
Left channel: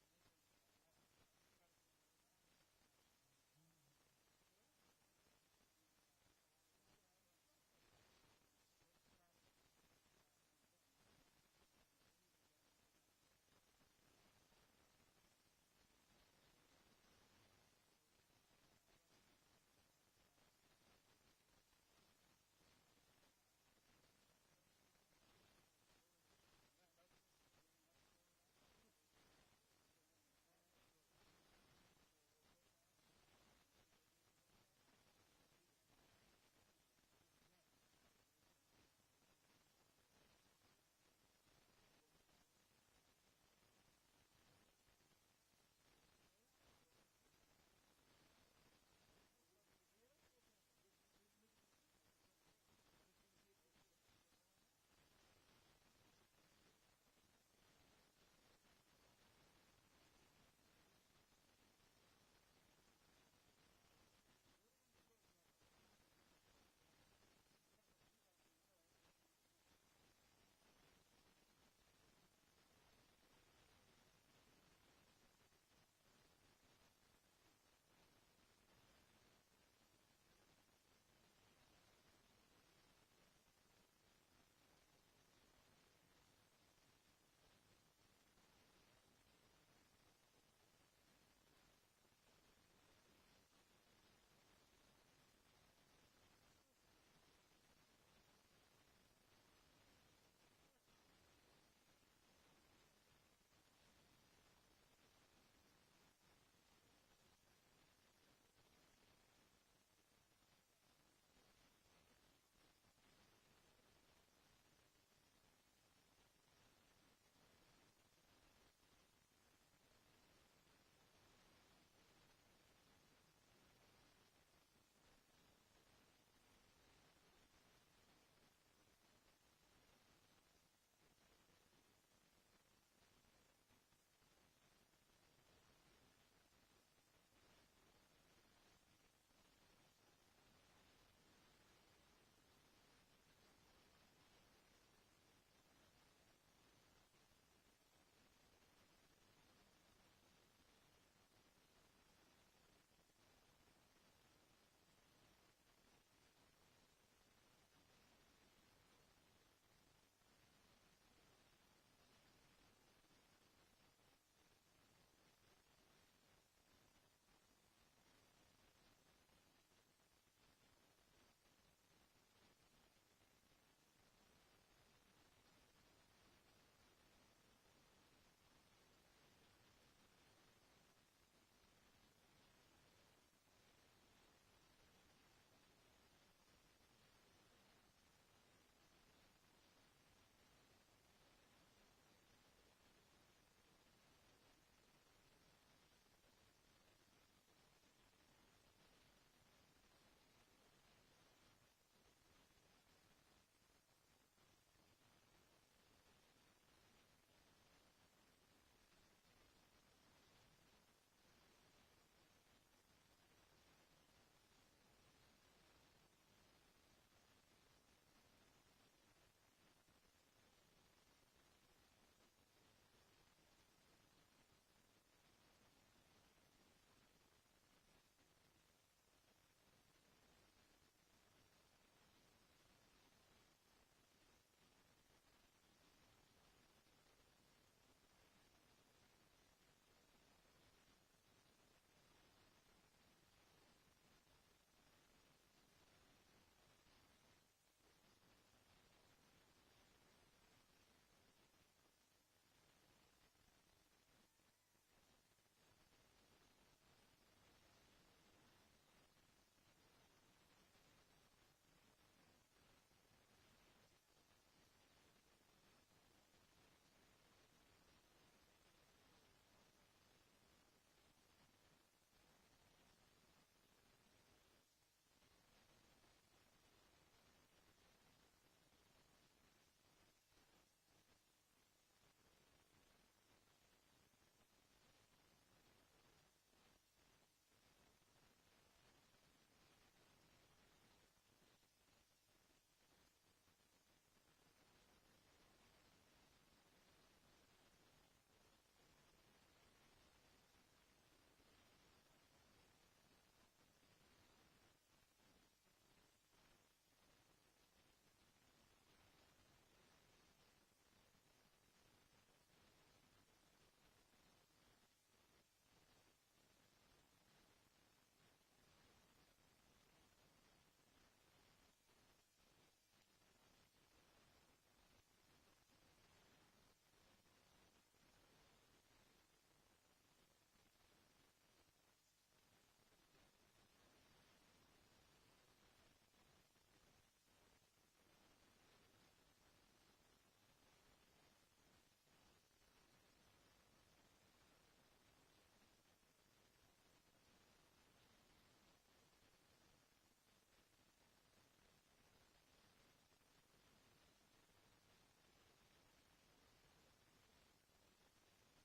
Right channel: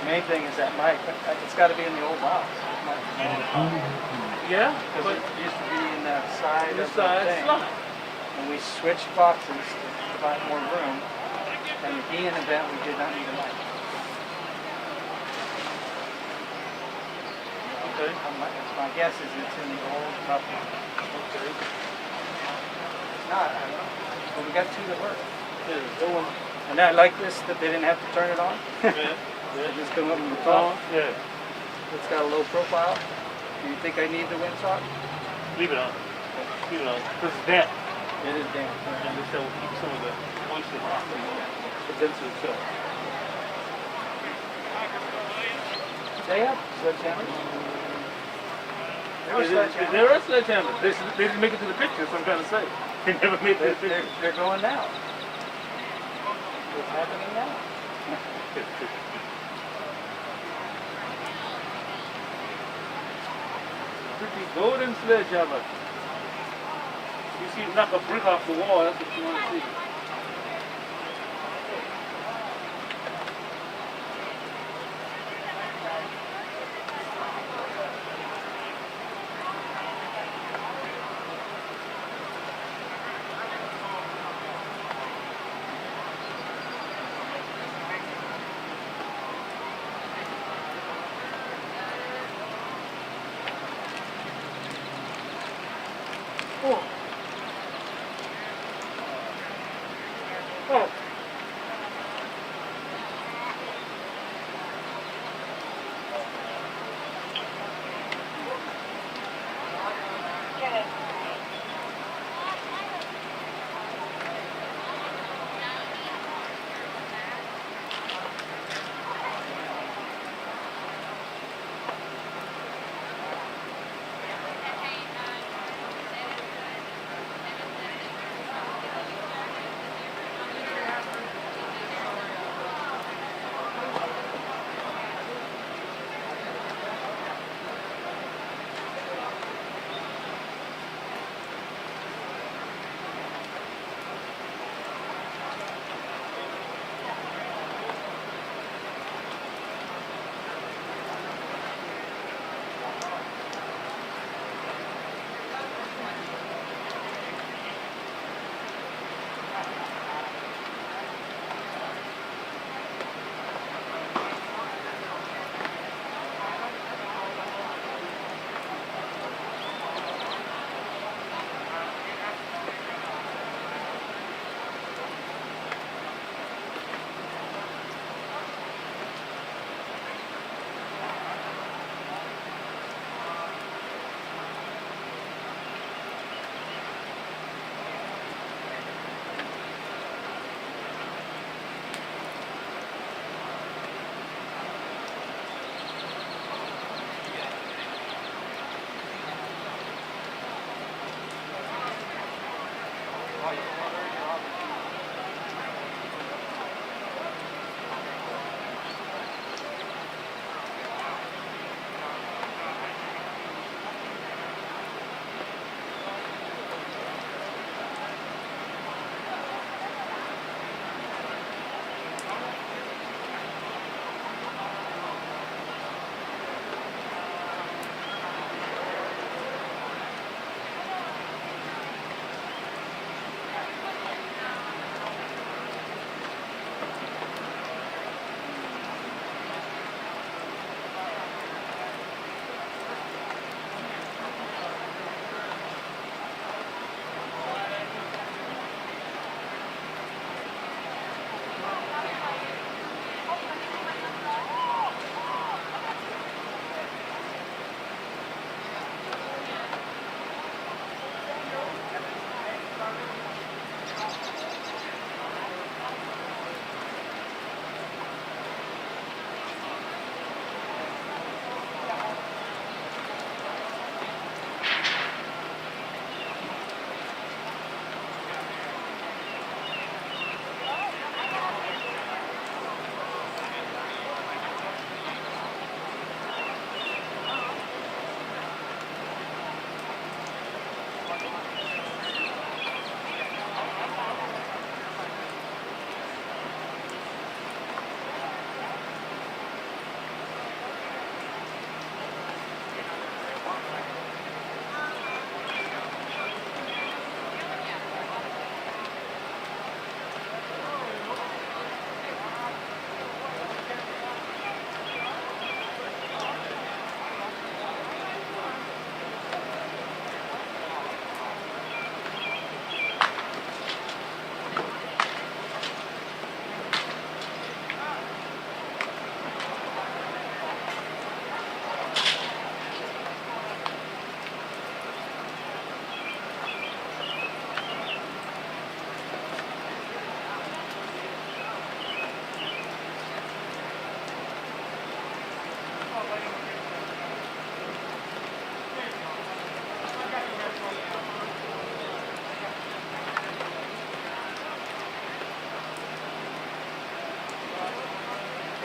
The main thing is that mic. It's got to be in the old box. Yeah, Because it used to be in that side this of the side thing. slot. And we switched boxes to provide more room. And the Ian event, we did not need a mic. Okay. My guess is it's in the old cup. Okay. It's not, I don't know. But we got two that work. Yeah, the one. And I like this, that they didn't have to turn it on. Yeah. They just come up with the phone. Yeah. It's got a low profile. Do you think I need the windsock? Leave it on. Leave it on. Because it's damp. It is damn. And this will keep some of the moisture off the sensor itself. They have sledgehammers. There are sledgehammers. They didn't make it to the picture, so I'm trying to say. They never made it to the picture. They're going now. What's happening now? Pretty golden sledgehammer. You see it knock a brick off the wall, that's what you want to see. Oh. Oh.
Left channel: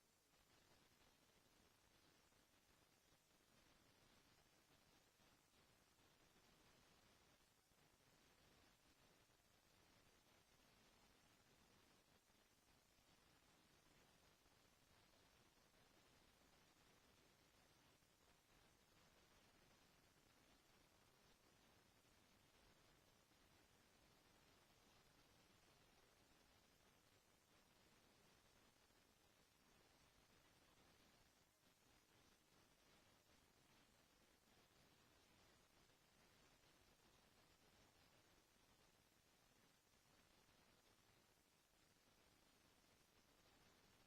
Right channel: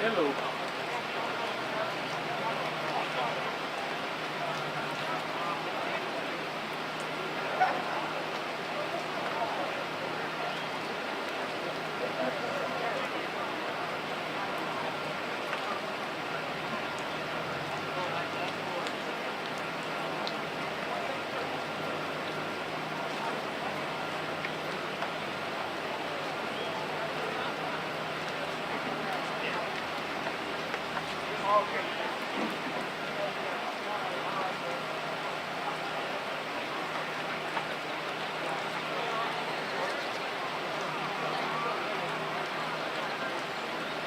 Hello.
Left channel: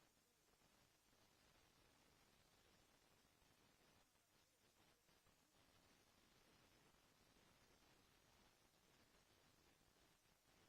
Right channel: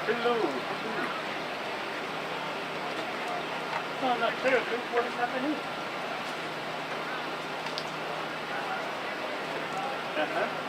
Hello. No, not terribly. What is happening? Uh-huh.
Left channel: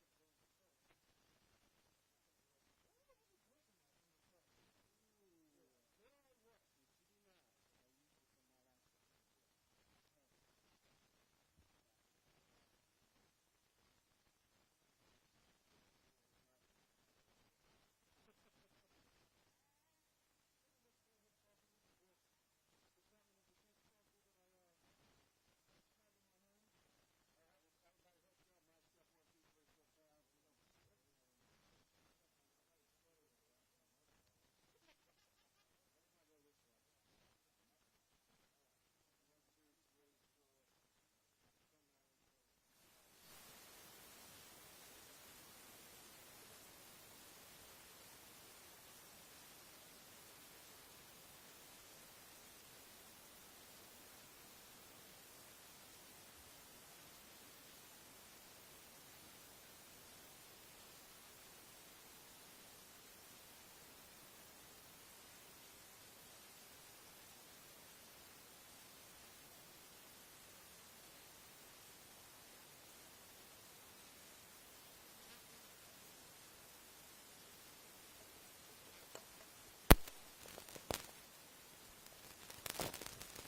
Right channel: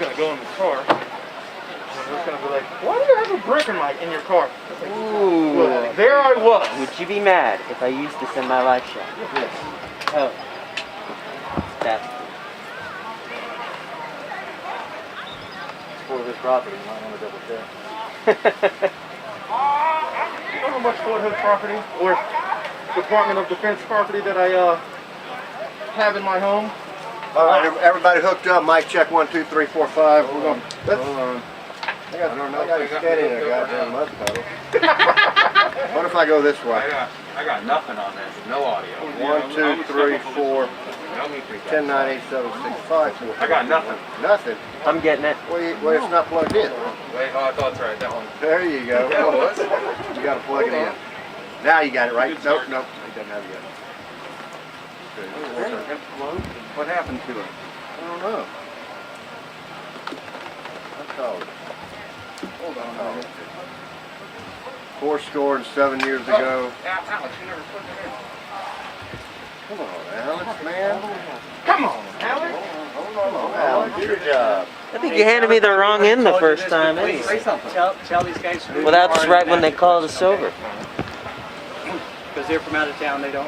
Gonna go in the car. And it's gonna be like, why do you have a brick in your car? Like, Ooh. well, there I was. Would you be mad if I used this in my live show? Yes. Oh. That's for his property. You might want to double check. You know how much Fort Hood property or Department of Defense property that I have in my home? All right, everybody hooked up. Mic check 1, 2, 3, 4, 5. We're going. Hold on. I got it steady in a goddamn mud puddle. What if I go this way? I got nothing on this. No audio. 1, 2, 3, 4, 10, 9, 8, 7, 6, 5, 4. I got nothing. Nothing. I'm getting it. Well, it's not plugged in. Wait, oh, I thought it's right. That one. There you go. You got to plug it in. Now you got it right. Nope, nope. It doesn't have it yet. What happened to it? I don't know. That's all. Hold on. 407 years ago. Alex, you never put it in. Come on, Alex, man. Come on, Alex. Hold on, Alex. Good job. I think you handed me the wrong end the first time. Say something. Tell these guys. Well, that's right when they called us over. Because they're from out of town, they're not.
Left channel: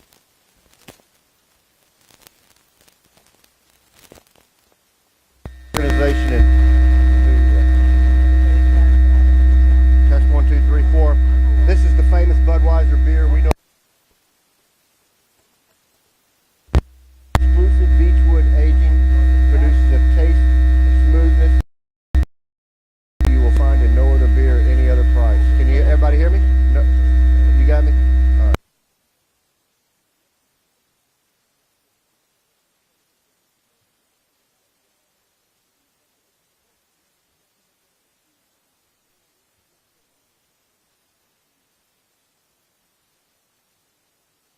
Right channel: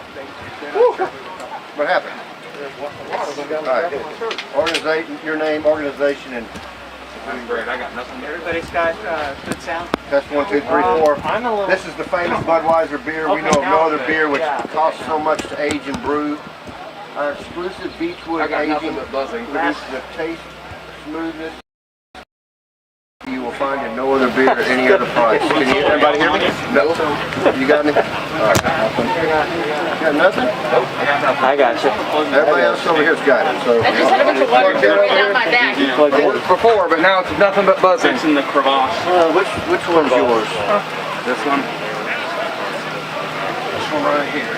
What happened? All right. Organization, your name, organization, and I'm great. I got nothing. Everybody's got good sound. test 1, 2, 3, 4. I'm a little. This is the famous Budweiser beer. We Okay, know of now no I'm other good. beer which Yeah. costs so much to age and brew. Our exclusive Beechwood I got aging nothing but buzzing. produces a taste, smoothness you will find in no other beer at any other price. Can you, everybody hear me? No. You got me? All right. You got nothing? I got you. Everybody else over here's got it. So I just had a bunch of water dripping down my back. it worked before, but now it's nothing but buzzing. It's in the crevasse. Which one's yours? This one. This one right here.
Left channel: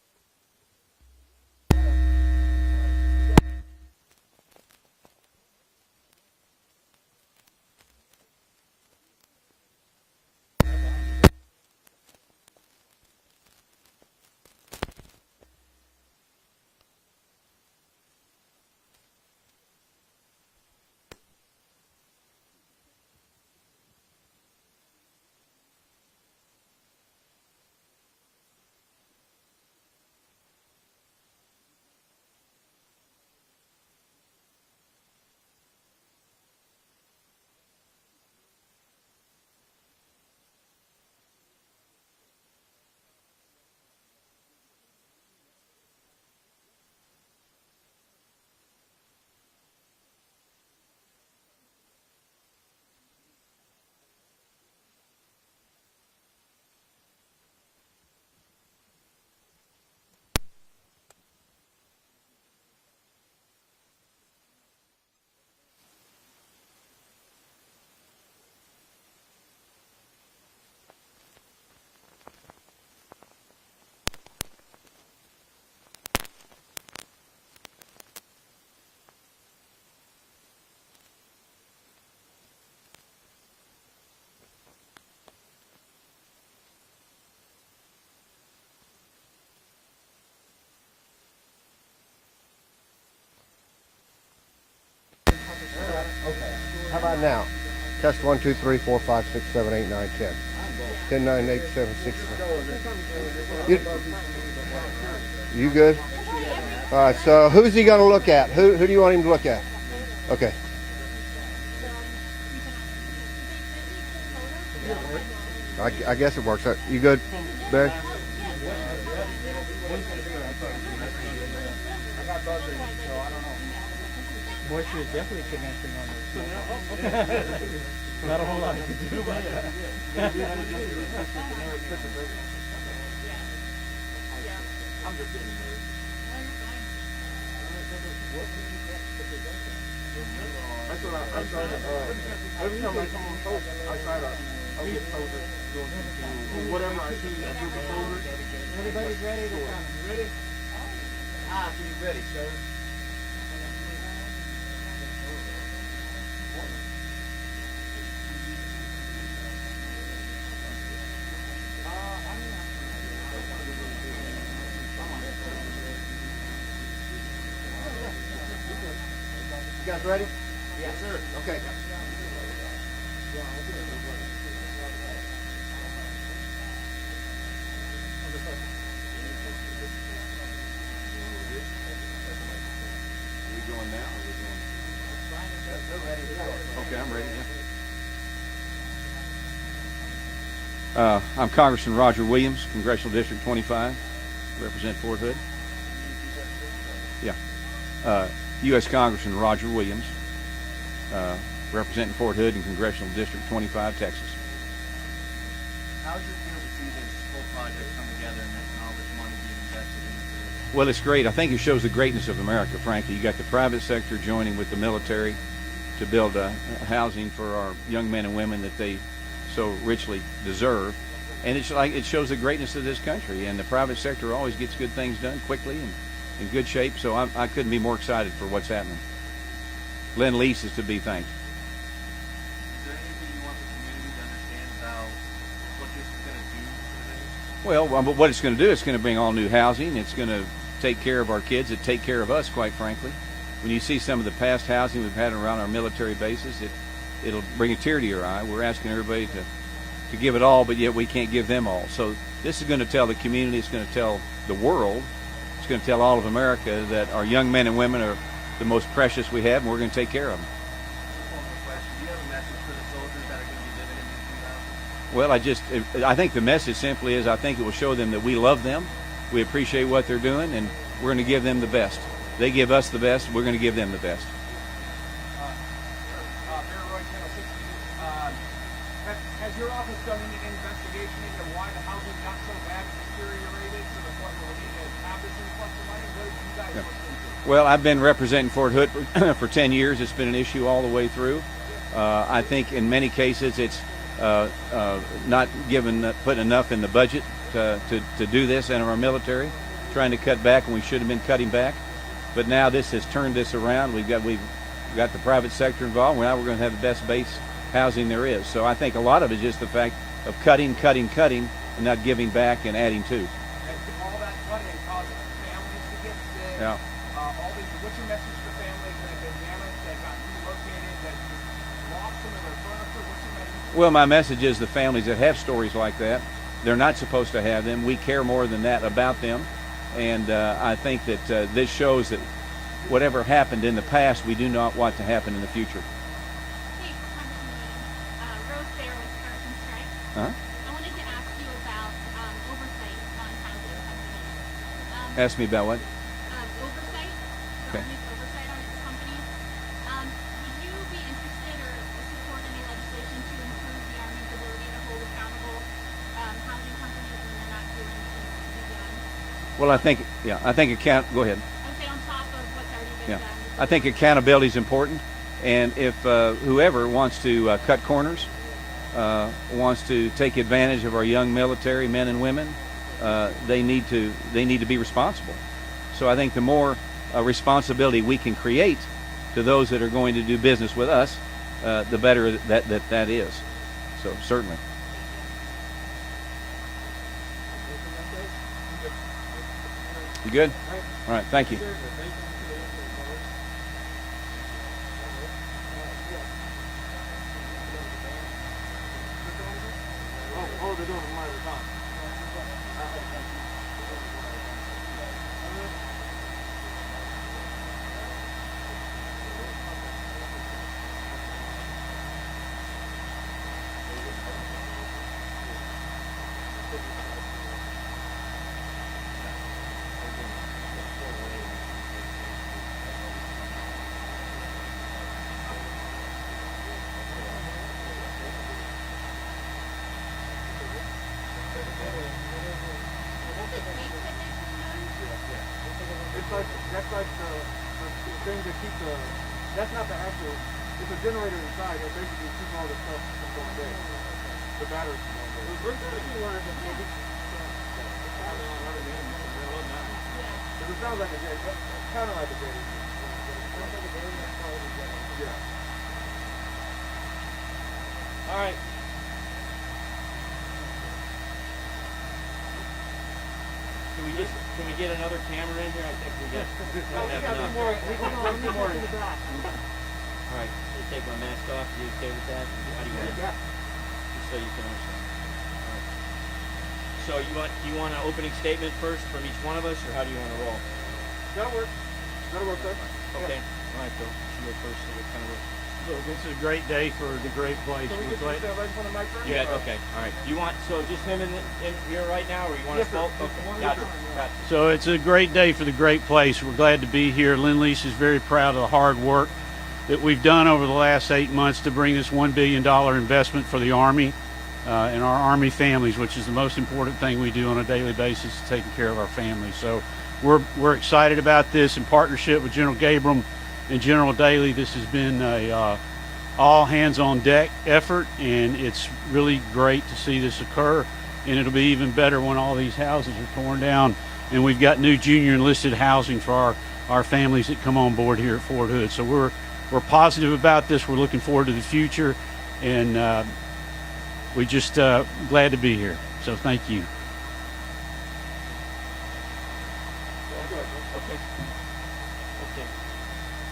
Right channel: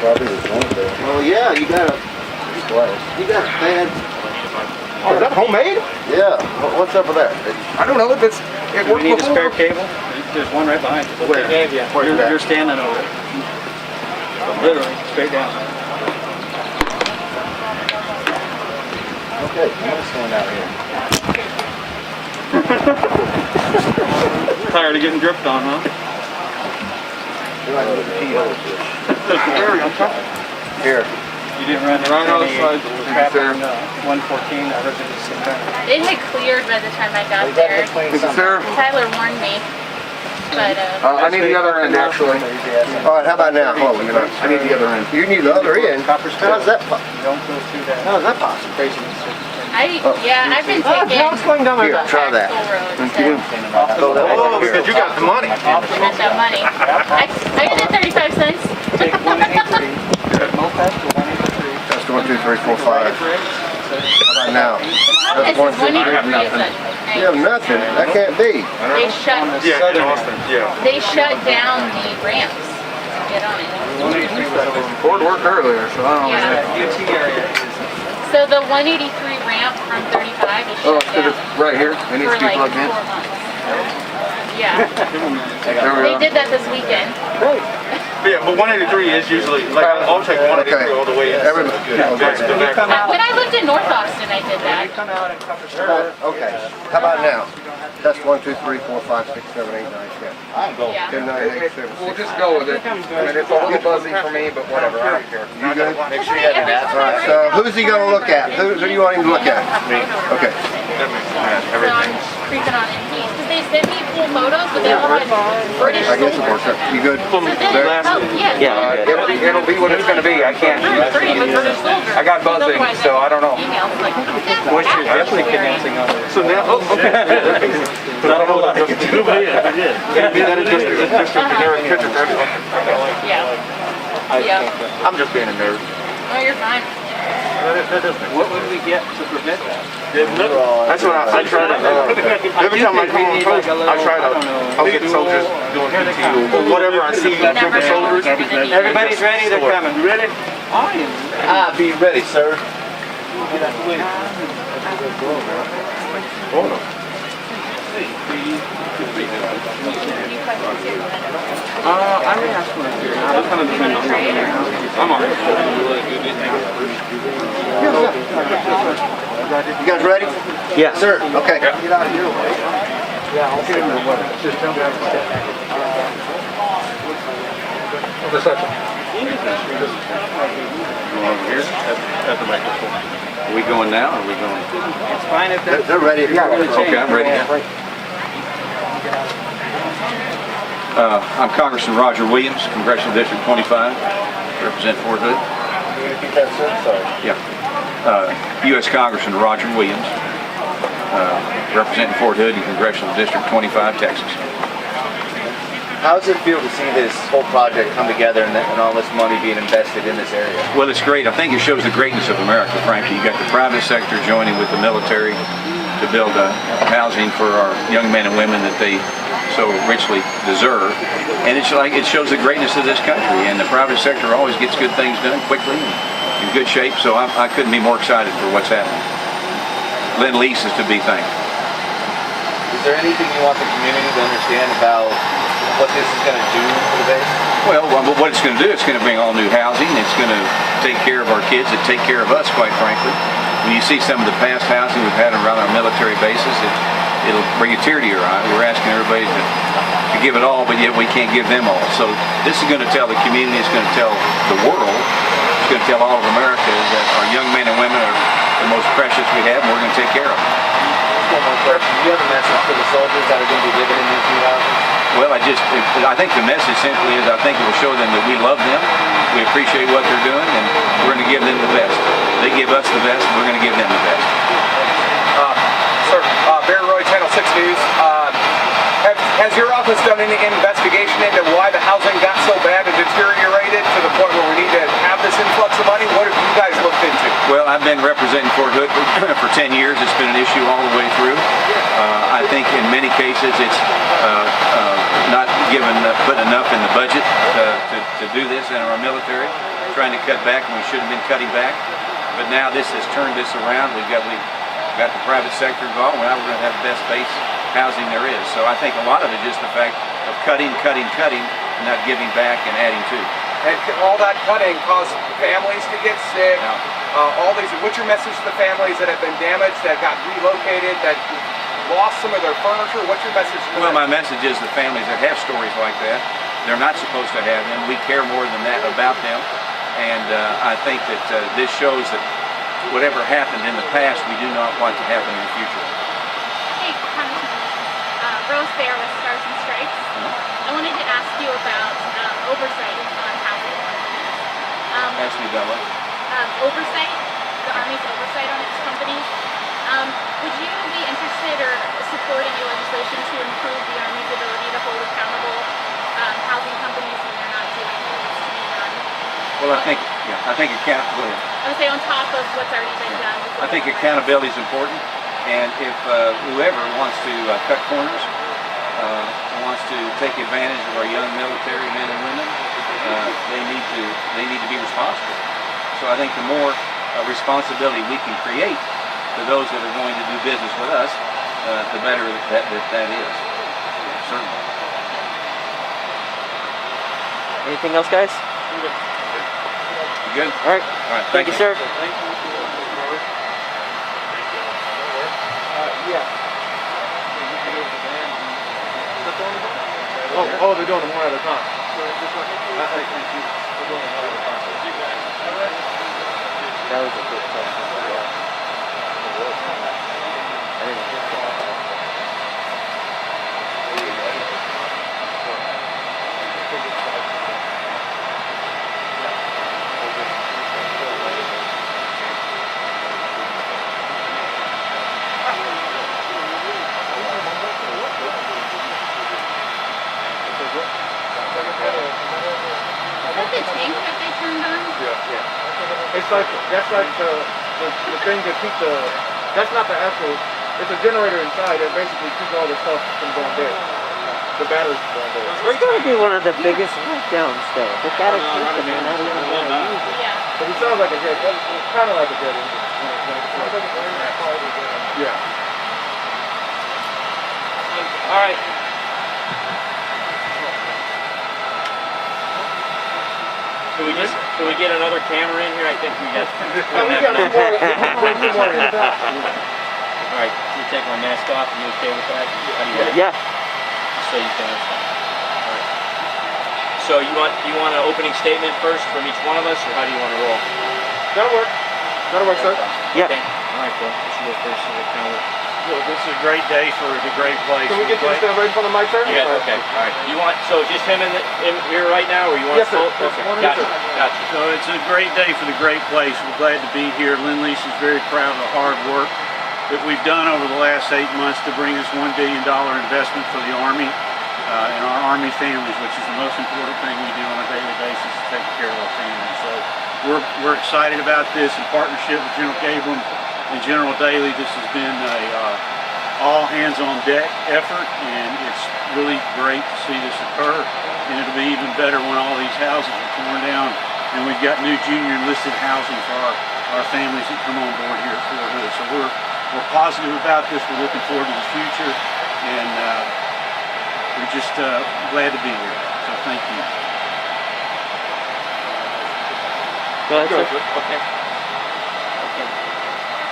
Probably this one there. Well, yeah, you got a bad. Oh, is that homemade? Yeah. What's up with that? I don't know. It You worked need a before. spare cable? There's one right behind you. Where? They gave you. Where's that? You're standing over it. Literally, straight down. Okay, I'm gonna stand out here. Tired of getting dripped on, huh? You're like a little keyhole. Here. You didn't run Right on the side. trap on 114. I heard it was some kind of... It had cleared by the time I got there. Is it Sarah? Tyler warned me. But, I need the other end, actually. All right, how about now? Hold on a minute. I need the other end. You need the other end? How's that possible? Don't go through that. How's that possible? Craziness. I've been taking Here, try that. Oh, because you got the money. I got that money. I got that 35 cents. Take 183. Moped to 183. That's 1, 2, 3, 4, 5. How about now? This is 183 is that. You have nothing. That can't be. They shut They shut down the ramps to get on it. Ford worked earlier, so I don't know. Yeah. UT area. So the 183 ramp from 35 is shut down Right here. It needs for to be like plugged in. 4 months. Yeah. There we They are. did that this weekend. Yeah, but 183 is usually, like, I'll take 183 all the way in. When I lived in North Austin, I did that. Okay. How about now? Test 1, 2, 3, 4, 5, 6, 7, 8, 9, 10. Yeah. 10, 9, 8, 7, 6. We'll just go with it. I mean, it's a little buzzy for me, but whatever. I don't care. You good? Make sure you have an app. All right, so who's he going to look at? Who do you want him to look at? Me. Okay. So I'm creeping on Indeed because they sent me full photos, but they all had British I guess it works. You good? So then, oh, yeah. It'll be what it's going to be. I can't. I got buzzing, so I don't know. Emails like, Moisture is definitely condensing on it. So now, okay. But I don't know what I can do. Maybe that is just a generic picture. yeah. Yeah. I'm just being a nerd. Oh, you're fine. What would we get to prevent that? That's what I try to. Every time I come on post, I try to. I'll get soldiers doing PT or whatever I see. Different soldiers. Everybody's ready, they're coming. You ready? I am. Be ready, sir. I may ask for it. That kind of depends on how I'm on it. You guys ready? Yes. Sir. Okay. Get out of your way. Yeah, I'll get him or whatever. Just tell me how to step. over here at the microphone. Are we going now or are we going? It's fine if that's... They're ready. Okay, I'm ready. I'm Congressman Roger Williams, Congressional District 25, represent Fort Hood. Yeah. U.S. Congressman Roger Williams, representing Fort Hood in Congressional District 25, Texas. How does it feel to see this whole project come together and all this money being invested in this area? Well, it's great. I think it shows the greatness of America, frankly. You got the private sector joining with the military to build housing for our young men and women that they so richly deserve. And it's like it shows the greatness of this country. And the private sector always gets good things done quickly and in good shape. So I couldn't be more excited for what's happening. Lendlease is to be thanked. Is there anything you want the community to understand about what this is going to do for the base? Well, what it's going to do, it's going to bring all new housing. It's going to take care of our kids. It take care of us, quite frankly. When you see some of the past housing we've had around our military bases, it'll bring a tear to your eye. We're asking everybody to give it all, but yet we can't give them all. So this is going to tell the community, it's going to tell the world, it's going to tell all of America that our young men and women are the most precious we have, and we're going to take care of them. One more question. Do you have a message for the soldiers that are going to be living in these new houses? Well, I think the message simply is I think it will show them that we love them, we appreciate what they're doing, and we're going to give them the best. They give us the best, we're going to give them the best. Sir, Barry Roy, Channel 6 News. Has your office done any investigation into why the housing got so bad and deteriorated to the point where we need to have this influx of money? What have you guys looked into? Well, I've been representing Fort Hood for 10 years. It's been an issue all the way through. I think in many cases it's not put enough in the budget to do this in our military, trying to cut back when we should have been cutting back. But now this has turned this around. We've got the private sector involved. Now we're going to have the best base housing there is. So I think a lot of it is just the fact of cutting, and not giving back and adding to. And all that cutting caused families to get sick. Yeah. What's your message to the families that have been damaged, that got relocated, that lost some of their furniture? What's your message to them? Well, my message is the families that have stories like that, they're not supposed to have them. We care more than that about them. And I think that this shows that whatever happened in the past, we do not want to happen in the future. Hey, Congressman, Rose Bear with Stars and Stripes. I wanted to ask you about oversight on housing. Ask me, Bella. Oversight, the Army's oversight on its companies. Would you be interested or supporting any legislation to improve the Army's ability to hold accountable housing companies when they're not doing what needs to be done? Well, I think go ahead. I would say on top of what's already been done. I think accountability is important, and if whoever wants to cut corners, wants to take advantage of our young military men and women, they need to be responsible. So I think the more responsibility we can create to those that are going to do business with us, the better that is. So certainly. Anything else, guys? You good? All right. All right. Thank you, sir. Oh, they're doing them one at a time. That was a good question. That's like the thing that keeps that's not the actual, it's a generator inside that basically keeps all the stuff from going dead. The batteries from going dead. We're going to be one of the biggest breakdowns, though. They got to keep them. They're not even going to use it. But it sounds like a jet, it's kind of like a jet engine. Yeah. All right. Can we get another camera in here? I think we got. We got two more in the back. All right. You take my mask off. Are you okay with that? Yeah. So you can. All right. So you want an opening statement first from each one of us, or how do you want to roll? That'll work. That'll work, sir. Yeah. Well, this is a great day for the great place. Can we get you to stand right in front of the mic, sir? Yeah, okay, all right. You want, so just him in here right now, or you want Yes, sir. both? Just Okay, one of gotcha, you, sir. gotcha. So it's a great day for the great place. We're glad to be here. Lendlease is very proud of the hard work that we've done over the last 8 months to bring this $1 billion investment for the Army and our Army families, which is the most important thing we do on a daily basis, is taking care of our families. So we're excited about this in partnership with General Gabriel and General Daly. This has been a all hands on deck effort, and it's really great to see this occur. And it'll be even better when all these houses are torn down and we've got new junior enlisted housing for our families that come on board here at Fort Hood. So we're positive about this. We're looking forward to the future, and we're just glad to be here. So thank you. Go ahead, sir. Okay.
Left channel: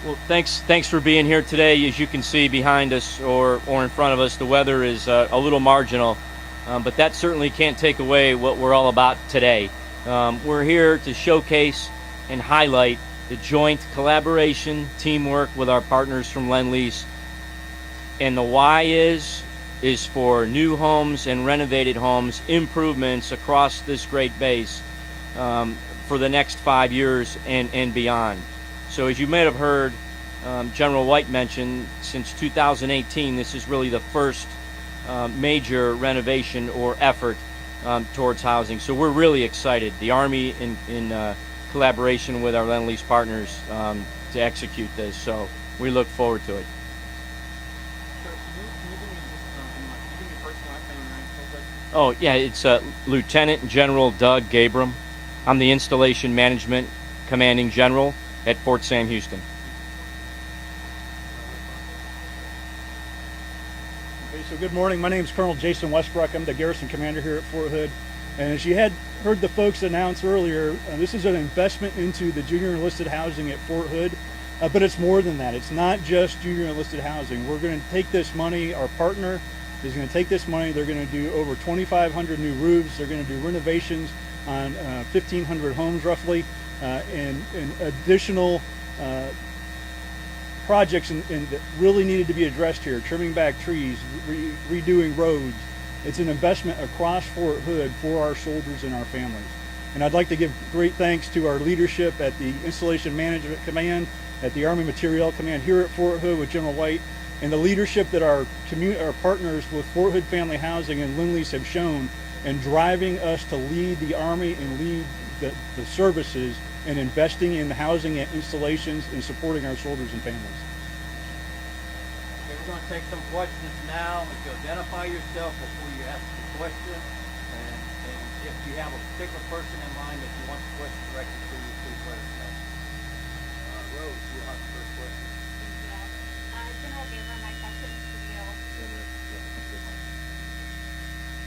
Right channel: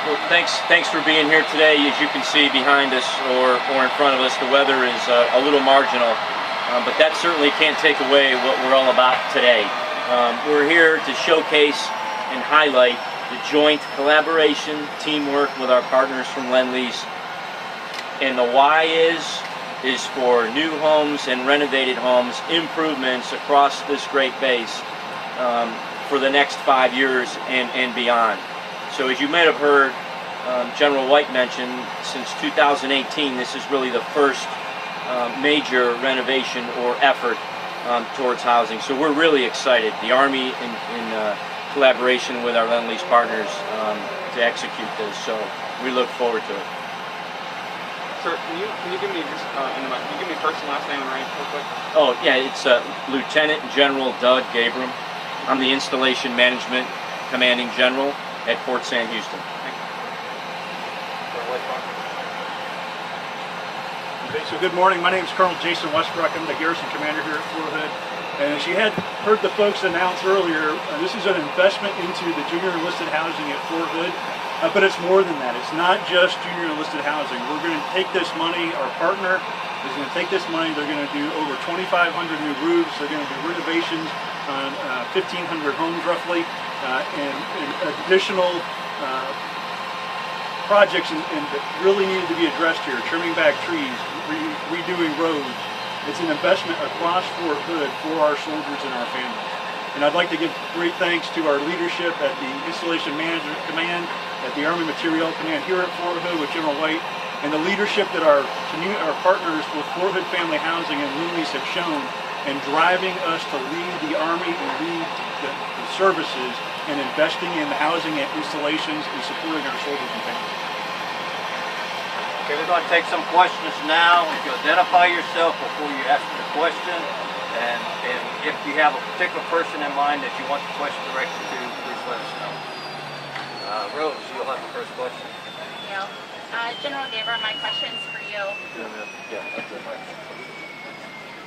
Well, thanks for being here today. As you can see behind us or in front of us, the weather is a little marginal, but that certainly can't take away what we're all about today. We're here to showcase and highlight the joint collaboration, teamwork with our partners from Lendlease. And the why is for new homes and renovated homes, improvements across this great base for the next 5 years and beyond. So as you might have heard General White mention, since 2018, this is really the first major renovation or effort towards housing. So we're really excited. The Army in collaboration with our Lendlease partners to execute this. So we look forward to it. Sir, can you give me just can you give me first and last name and rank real quick? Oh yeah, it's Lieutenant General Doug Gabriel. I'm the Installation Management Commanding General at Fort Sam Houston. Okay, so good morning. My name is Colonel Jason Westbrook. I'm the Garrison Commander here at Fort Hood. And as you had heard the folks announce earlier, this is an investment into the junior enlisted housing at Fort Hood. But it's more than that. It's not just junior enlisted housing. We're going to take this money, our partner is going to take this money, they're going to do over 2,500 new roofs, they're going to do renovations on 1,500 homes roughly, and additional projects that really needed to be addressed here, trimming back trees, redoing roads. It's an investment across Fort Hood for our soldiers and our families. And I'd like to give great thanks to our leadership at the Installation Management Command, at the Army Materiel Command here at Fort Hood with General White, and the leadership that our partners with Fort Hood Family Housing and Lendlease have shown in driving us to lead the Army and lead the services in investing in the housing and installations and supporting our soldiers and families. Okay, we're going to take some questions now. You identify yourself before you ask the question, and if you have a particular person in mind that you want the question directed to, please let us know. Rose, you'll have the first question. Thank you. General Gabriel, my question's for you.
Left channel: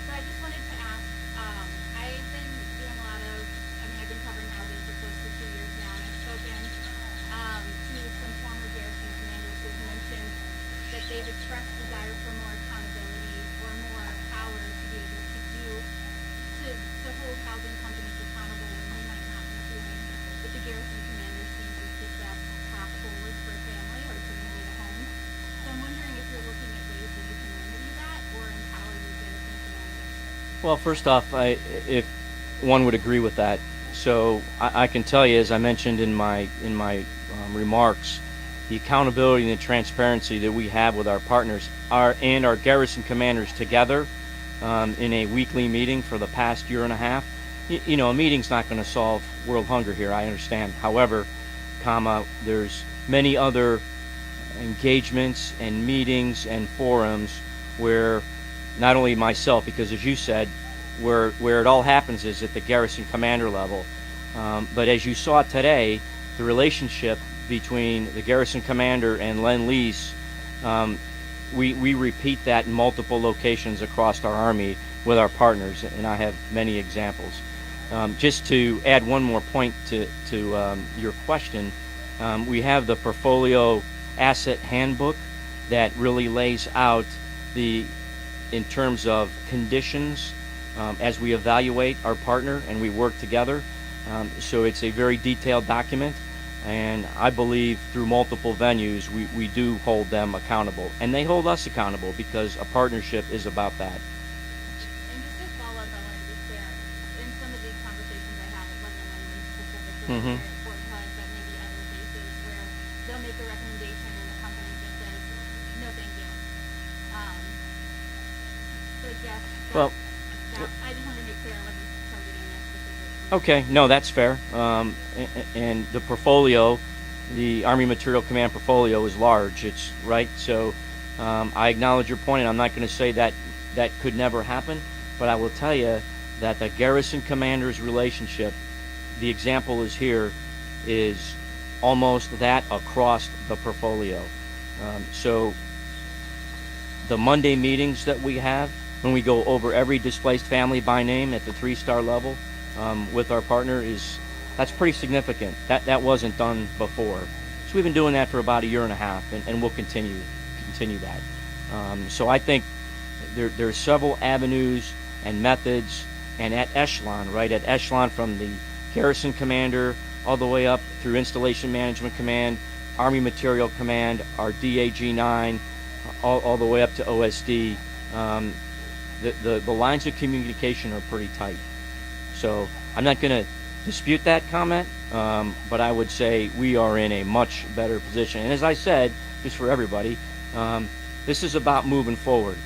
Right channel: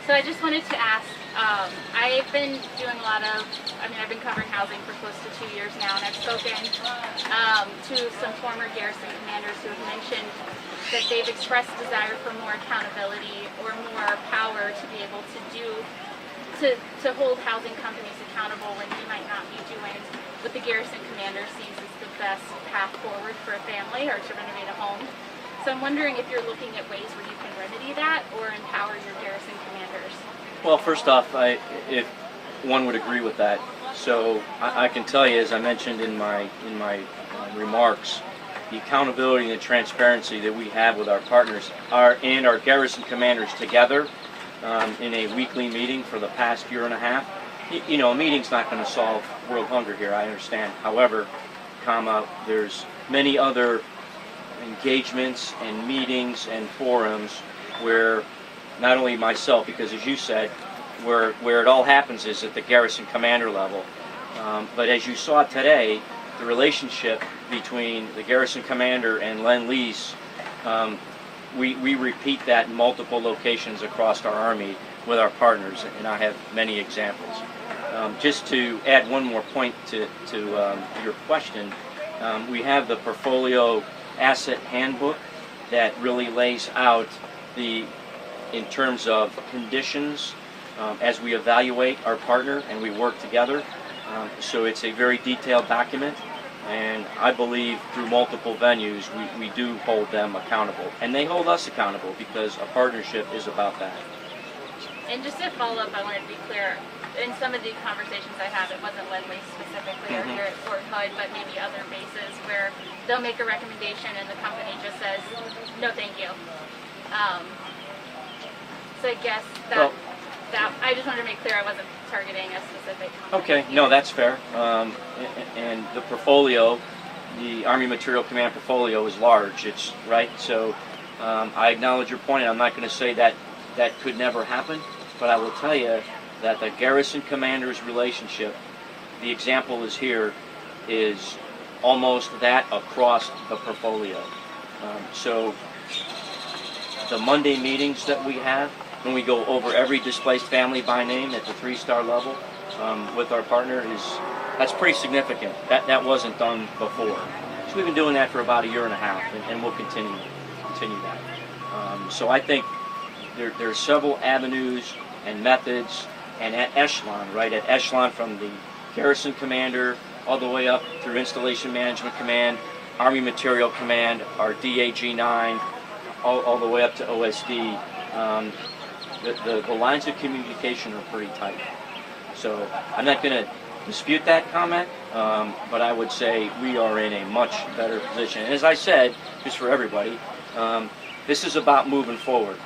So I just wanted to ask, I've been doing I've been covering housing for close to 2 years now, and I've spoken to some former garrison commanders who have mentioned that they've expressed desire for more accountability or more power to be able to hold housing companies accountable when they might not be doing what the garrison commander sees as the best path forward for a family or to renovate a home. So I'm wondering if you're looking at ways where you can remedy that or empower your garrison commanders. Well, first off, if one would agree with that. So I can tell you, as I mentioned in my remarks, the accountability and the transparency that we have with our partners and our garrison commanders together in a weekly meeting for the past year and a half. You know, a meeting's not going to solve world hunger here, I understand. However, there's many other engagements and meetings and forums where not only myself, because as you said, where it all happens is at the garrison commander level. But as you saw today, the relationship between the garrison commander and Lendlease, we repeat that in multiple locations across our Army with our partners, and I have many examples. Just to add one more point to your question, we have the portfolio asset handbook that really lays out in terms of conditions as we evaluate our partner and we work together, So it's a very detailed document, and I believe through multiple venues we do hold them accountable, and they hold us accountable because a partnership is about that. And just to follow up, I wanted to be clear. In some of the conversations I have, it wasn't Lendlease specifically or here at Fort Hood, but maybe other bases where they'll make a recommendation and the company just says, no, thank you. So I guess that I just wanted to make clear I wasn't targeting a specific company. Okay, no, that's fair. And the portfolio, the Army Material Command portfolio is large. It's right. So I acknowledge your point, and I'm not going to say that that could never happen, but I will tell you that the garrison commander's relationship, the example is here, is almost that across the portfolio. So the Monday meetings that we have, when we go over every displaced family by name at the 3-star level with our partner, that's pretty significant. That wasn't done before. So we've been doing that for about a year and a half, and we'll continue that. So I think there are several avenues and methods, and at echelon, right? At echelon from the garrison commander all the way up through Installation Management Command, Army Material Command, our DAG-9, all the way up to OSD. The lines of communication are pretty tight. So I'm not going to dispute that comment, but I would say we are in a much better position. And as I said, just for everybody, this is about moving forward.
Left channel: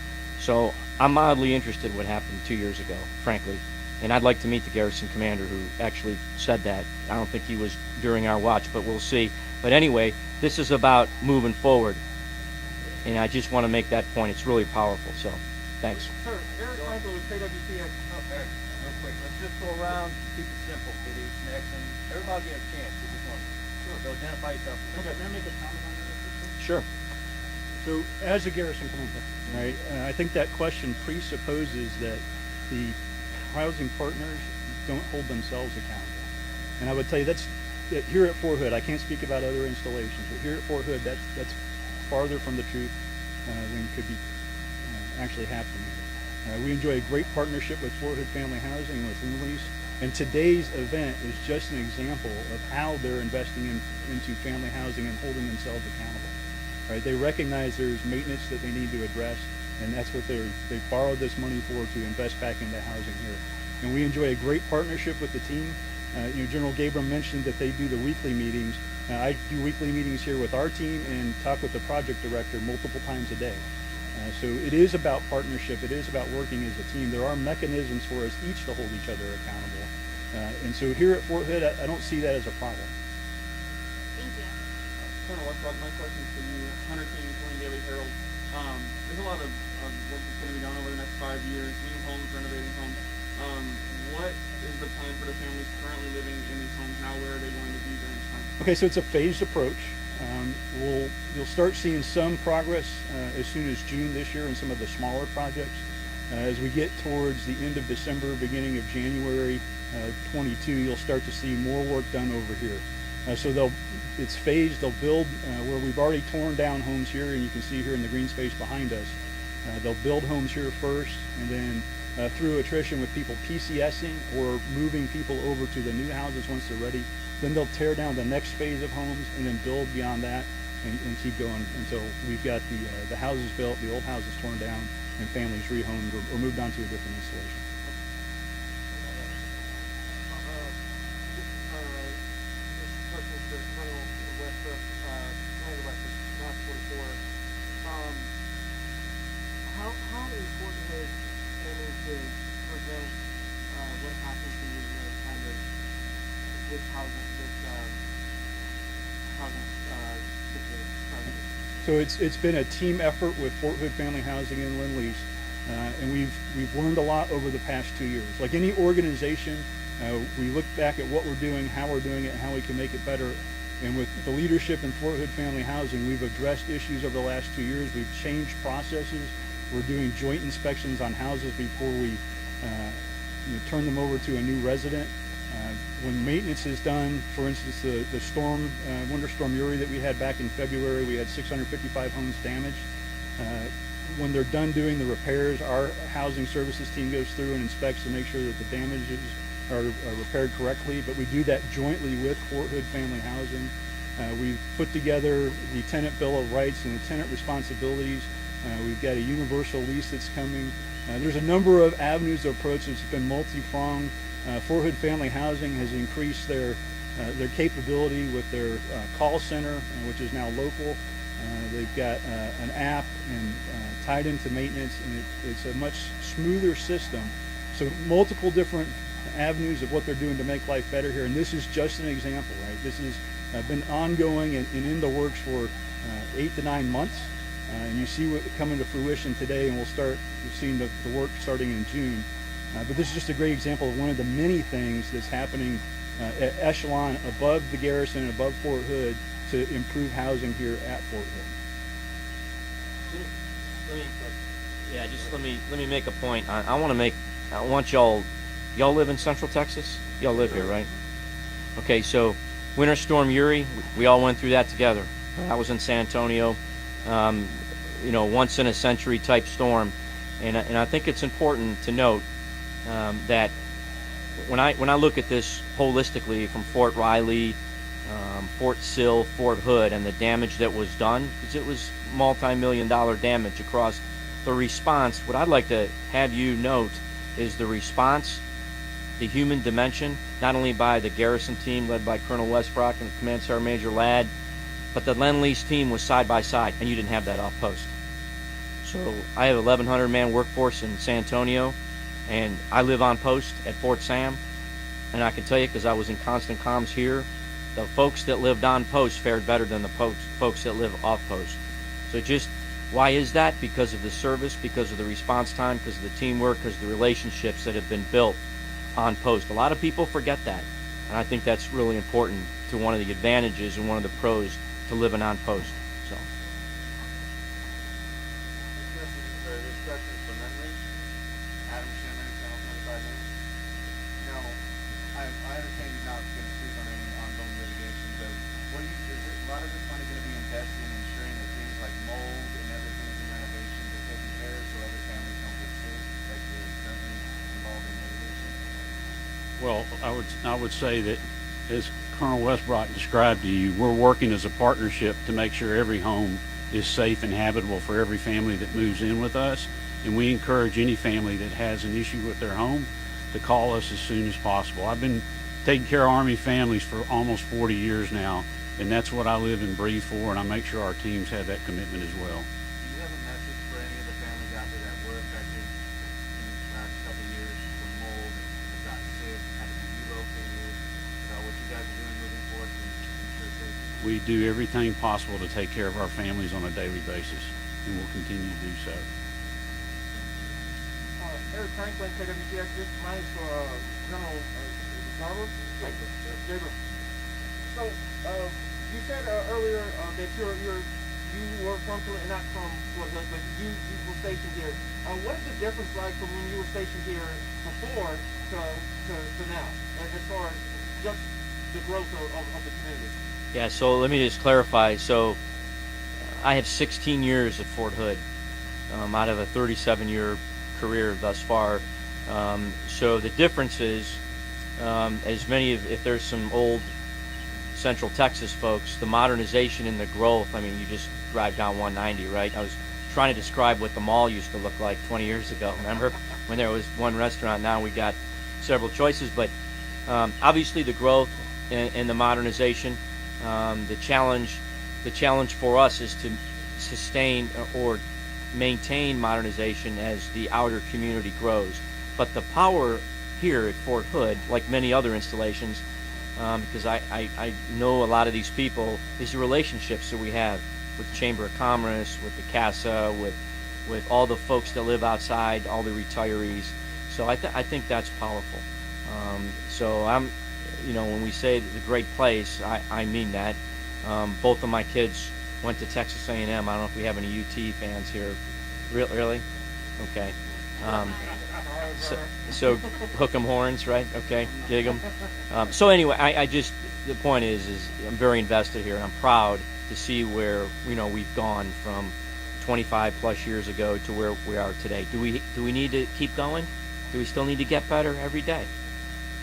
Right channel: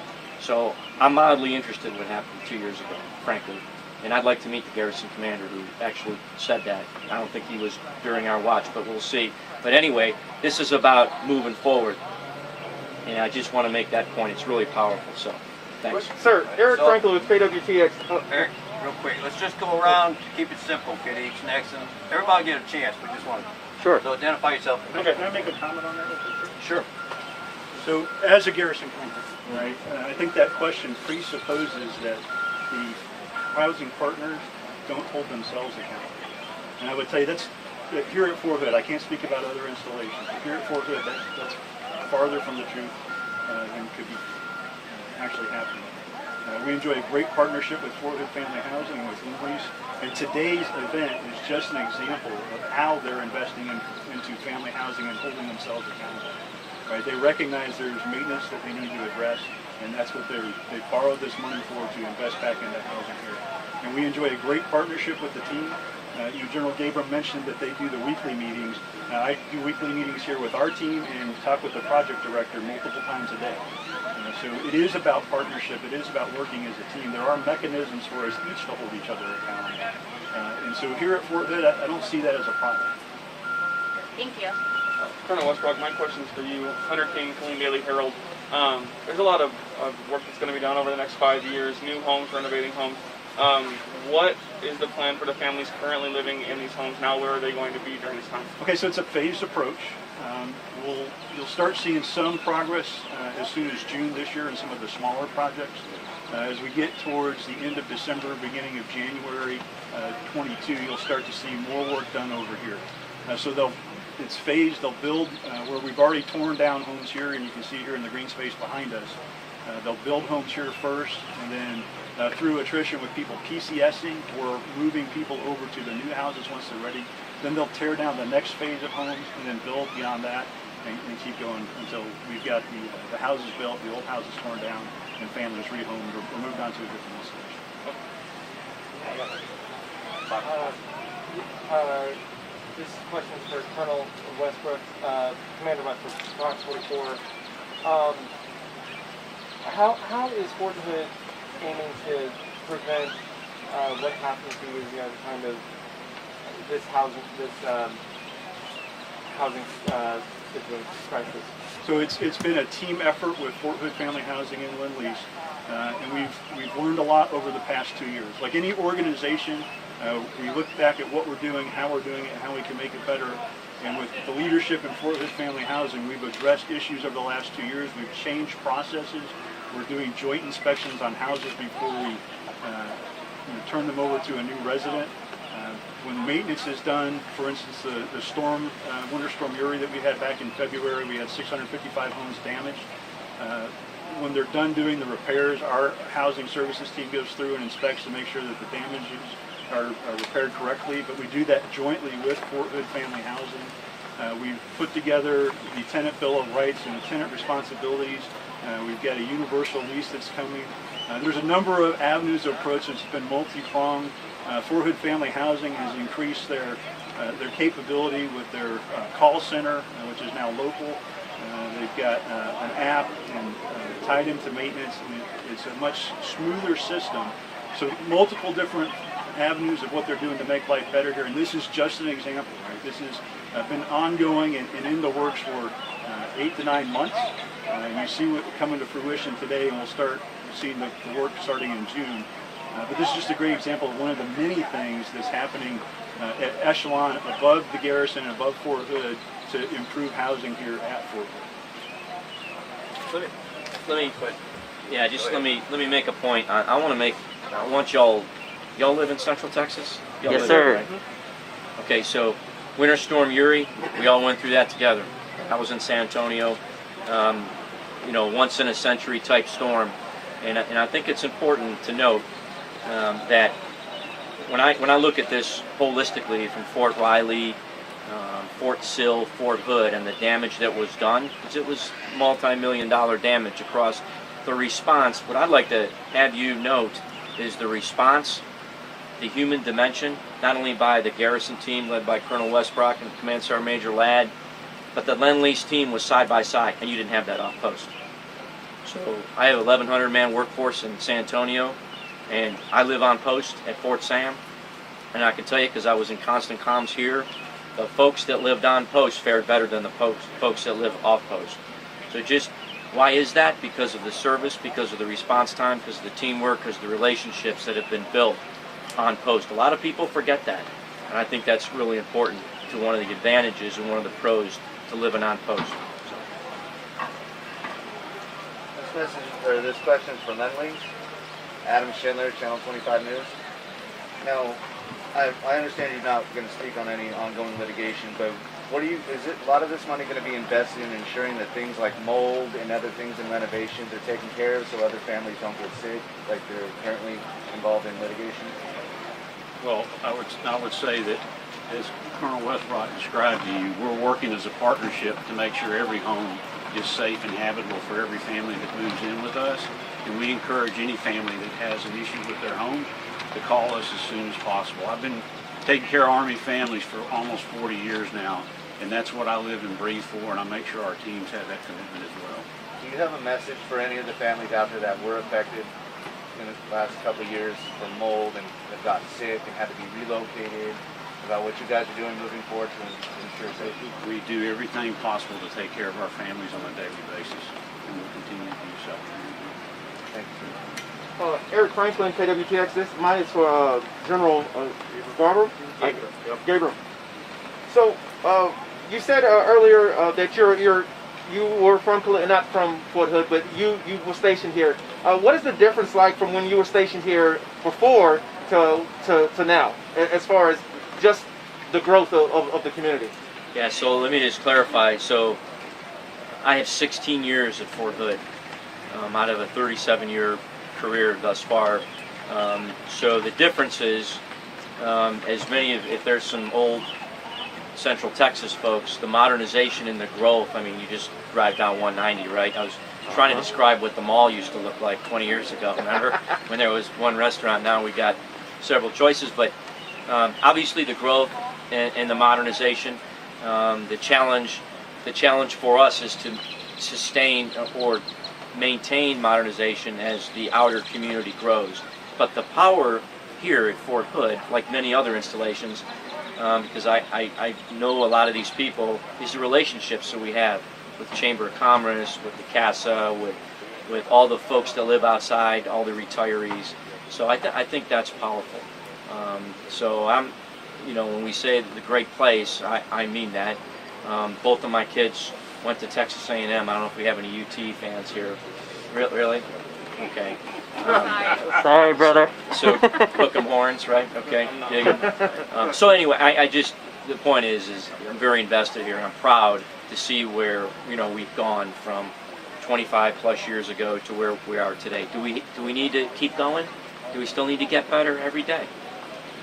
So I'm mildly interested in what happened 2 years ago, frankly. And I'd like to meet the garrison commander who actually said that. I don't think he was during our watch, but we'll see. But anyway, this is about moving forward. And I just want to make that point. It's really powerful. So, thanks. Sir, Eric Franklin with KWTX. Eric, real quick, let's just go around, keep it simple, get each next, and everybody get a chance. We just want to. Sure. So identify yourself. Okay, can I make a comment on that? Sure. So, as a garrison commander, right, I think that question presupposes that the housing partners don't hold themselves accountable. And I would tell you that here at Fort Hood, I can't speak about other installations, but here at Fort Hood, that's farther from the truth than could be actually happening. We enjoy a great partnership with Fort Hood Family Housing and with Lendlease, and today's event is just an example of how they're investing into family housing and holding themselves accountable. Right? They recognize there's maintenance that they need to address, and that's what they borrowed this money for, to invest back into housing here. And we enjoy a great partnership with the team. General Gabriel mentioned that they do the weekly meetings. I do weekly meetings here with our team and talk with the project director multiple times a day. So it is about partnership. It is about working as a team. There are mechanisms for us each to hold each other accountable. And so here at Fort Hood, I don't see that as a problem. Thank you. Colonel Westbrook, my question's for you. Hunter King, Killeen Daily Herald. There's a lot of work that's going to be done over the next 5 years, new homes, renovating homes. What is the plan for the families currently living in these homes now? Where are they going to be during this time? Okay, so it's a phased approach. You'll start seeing some progress as soon as June this year in some of the smaller projects. As we get towards the end of December, beginning of January 22, you'll start to see more work done over here. So it's phased. They'll build where we've already torn down homes here, and you can see here in the green space behind us. They'll build homes here first, and then through attrition with people PCSing or moving people over to the new houses once they're ready. Then they'll tear down the next phase of homes and then build beyond that and keep going until we've got the houses built, the old houses torn down, and families rehomed or moved on to a different installation. This question is for Colonel Westbrook, Commander Westbrook, Rock 44. How is Fort Hood aiming to prevent what happened 2 years ago, kind of this housing situation crisis? So it's been a team effort with Fort Hood Family Housing and Lendlease, and we've learned a lot over the past 2 years. Like any organization, we look back at what we're doing, how we're doing it, and how we can make it better. And with the leadership in Fort Hood Family Housing, we've addressed issues over the last 2 years. We've changed processes. We're doing joint inspections on houses before we turn them over to a new resident. When maintenance is done, for instance, the Winter Storm Uri that we had back in February, we had 655 homes damaged. When they're done doing the repairs, our housing services team goes through and inspects to make sure that the damages are repaired correctly, but we do that jointly with Fort Hood Family Housing. We've put together the tenant bill of rights and the tenant responsibilities. We've got a universal lease that's coming. There's a number of avenues of approach. It's been multi-pronged. Fort Hood Family Housing has increased their capability with their call center, which is now local. They've got an app and tied into maintenance, and it's a much smoother system. So multiple different avenues of what they're doing to make life better here, and this is just an example, right? This has been ongoing and in the works for 8 to 9 months, and you see what coming to fruition today, and we'll start seeing the work starting in June. But this is just a great example of one of the many things that's happening at echelon above the garrison and above Fort Hood to improve housing here at Fort Hood. Let me make a point. I want y'all live in Central Texas? Y'all Yes, live sir. there, right? Okay, so Winter Storm Uri, we all went through that together. I was in San Antonio, once in a century type storm, and I think it's important to note that when I look at this holistically from Fort Riley, Fort Sill, Fort Hood, and the damage that was done, because it was multi-million-dollar damage across the response. What I'd like to have you note is the response, the human dimension, not only by the garrison team led by Colonel Westbrock and Command Sergeant Major Ladd, but the Lendlease team was side by side, and you didn't have that off post. So I have a 1,100 man workforce in San Antonio, and I live on post at Fort Sam, and I can tell you, because I was in constant comms here, the folks that lived on post fared better than the folks that live off post. So just, why is that? Because of the service, because of the response time, because of the teamwork, because of the relationships that have been built on post. A lot of people forget that, and I think that's really important to one of the advantages and one of the pros to living on post. So. This question is from Lendlease. Adam Schindler, Channel 25 News. Now, I understand you're not going to speak on any ongoing litigation, but is a lot of this money going to be invested in ensuring that things like mold and other things in renovations are taken care of so other families don't get sick, like they're currently involved in litigation? Well, I would say that, as Colonel Westbrook described to you, we're working as a partnership to make sure every home is safe and habitable for every family that moves in with us, and we encourage any family that has an issue with their home to call us as soon as possible. I've been taking care of Army families for almost 40 years now, and that's what I live and breathe for, and I make sure our teams have that commitment as well. Do you have a message for any of the families out there that were affected in the last couple of years from mold and have gotten sick and had to be relocated, about what you guys are doing moving forward to ensure safety? We do everything possible to take care of our families on a daily basis, and we'll continue to do so. Thank you. Eric Franklin, KWTX. Mine is for General Barber. Gabriel. So you said earlier that you were from not from Fort Hood, but you were stationed here. What is the difference like from when you were stationed here before to now, as far as just the growth of the community? Yeah, so let me just clarify. So I have 16 years at Fort Hood out of a 37-year career thus far. So the difference is, if there's some old Central Texas folks, the modernization and the growth, I mean, you just drive down 190, right? I was trying to describe what the mall used to look like 20 years ago. Remember when there was one restaurant? Now we got several choices, but obviously the growth and the modernization, the challenge for us is to sustain or maintain modernization as the outer community grows. But the power here at Fort Hood, like many other installations, because I know a lot of these people, is the relationships that we have with the Chamber of Commerce, with the CASA, with all the folks that live outside, all the retirees. So I think that's powerful. So when we say the great place, I mean that. Both of my kids went to Texas A&M. I don't know if we have any UT fans here. Really? Okay. Sorry, brother. So hook 'em horns, right? Okay, dig 'em. So anyway, the point is I'm very invested here, and I'm proud to see where we've gone from 25 plus years ago to where we are today. Do we need to keep going? Do we still need to get better every day?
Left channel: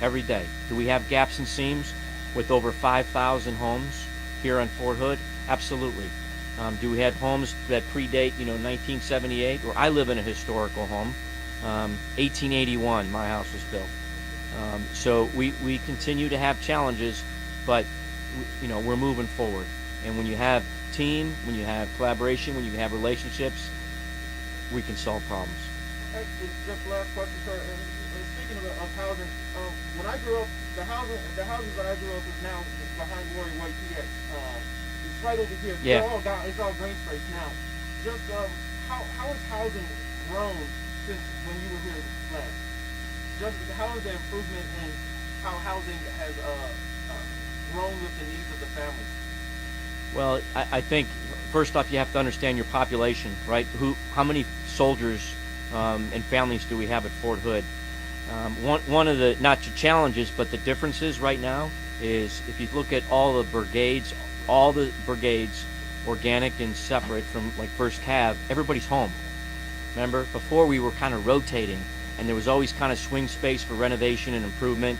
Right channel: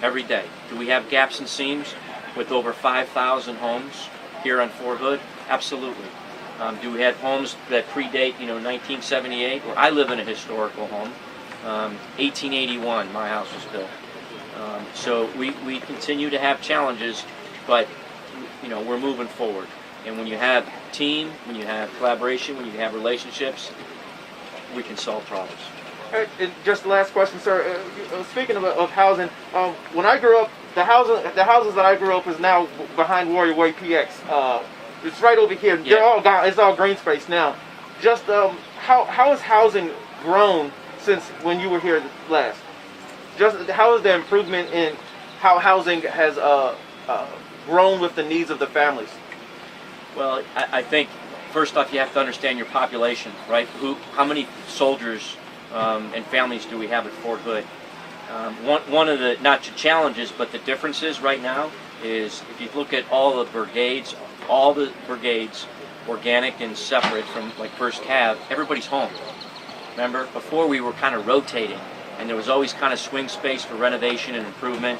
every day. Do we have gaps and seams with over 5,000 homes here on Fort Hood? Absolutely. Do we have homes that predate, 1978? Well, I live in a historical home. 1881, my house was built. So we continue to have challenges, but we're moving forward. And when you have team, when you have collaboration, when you have relationships, we can solve problems. Just the last question, sir. Speaking of housing, when I grew up, the houses that I grew up is now behind Warrior Way PX. It's right over here. Yeah. They're all gone. It's all green space now. Just how has housing grown since when you were here last? Just how is the improvement in how housing has grown with the needs of the families? Well, I think first off you have to understand your population, right? How many soldiers and families do we have at Fort Hood? One of the not the challenges, but the differences right now is if you look at all the brigades, organic and separate from like First Cav, everybody's home. Remember, before we were kind of rotating, and there was always kind of swing space for renovation and improvement.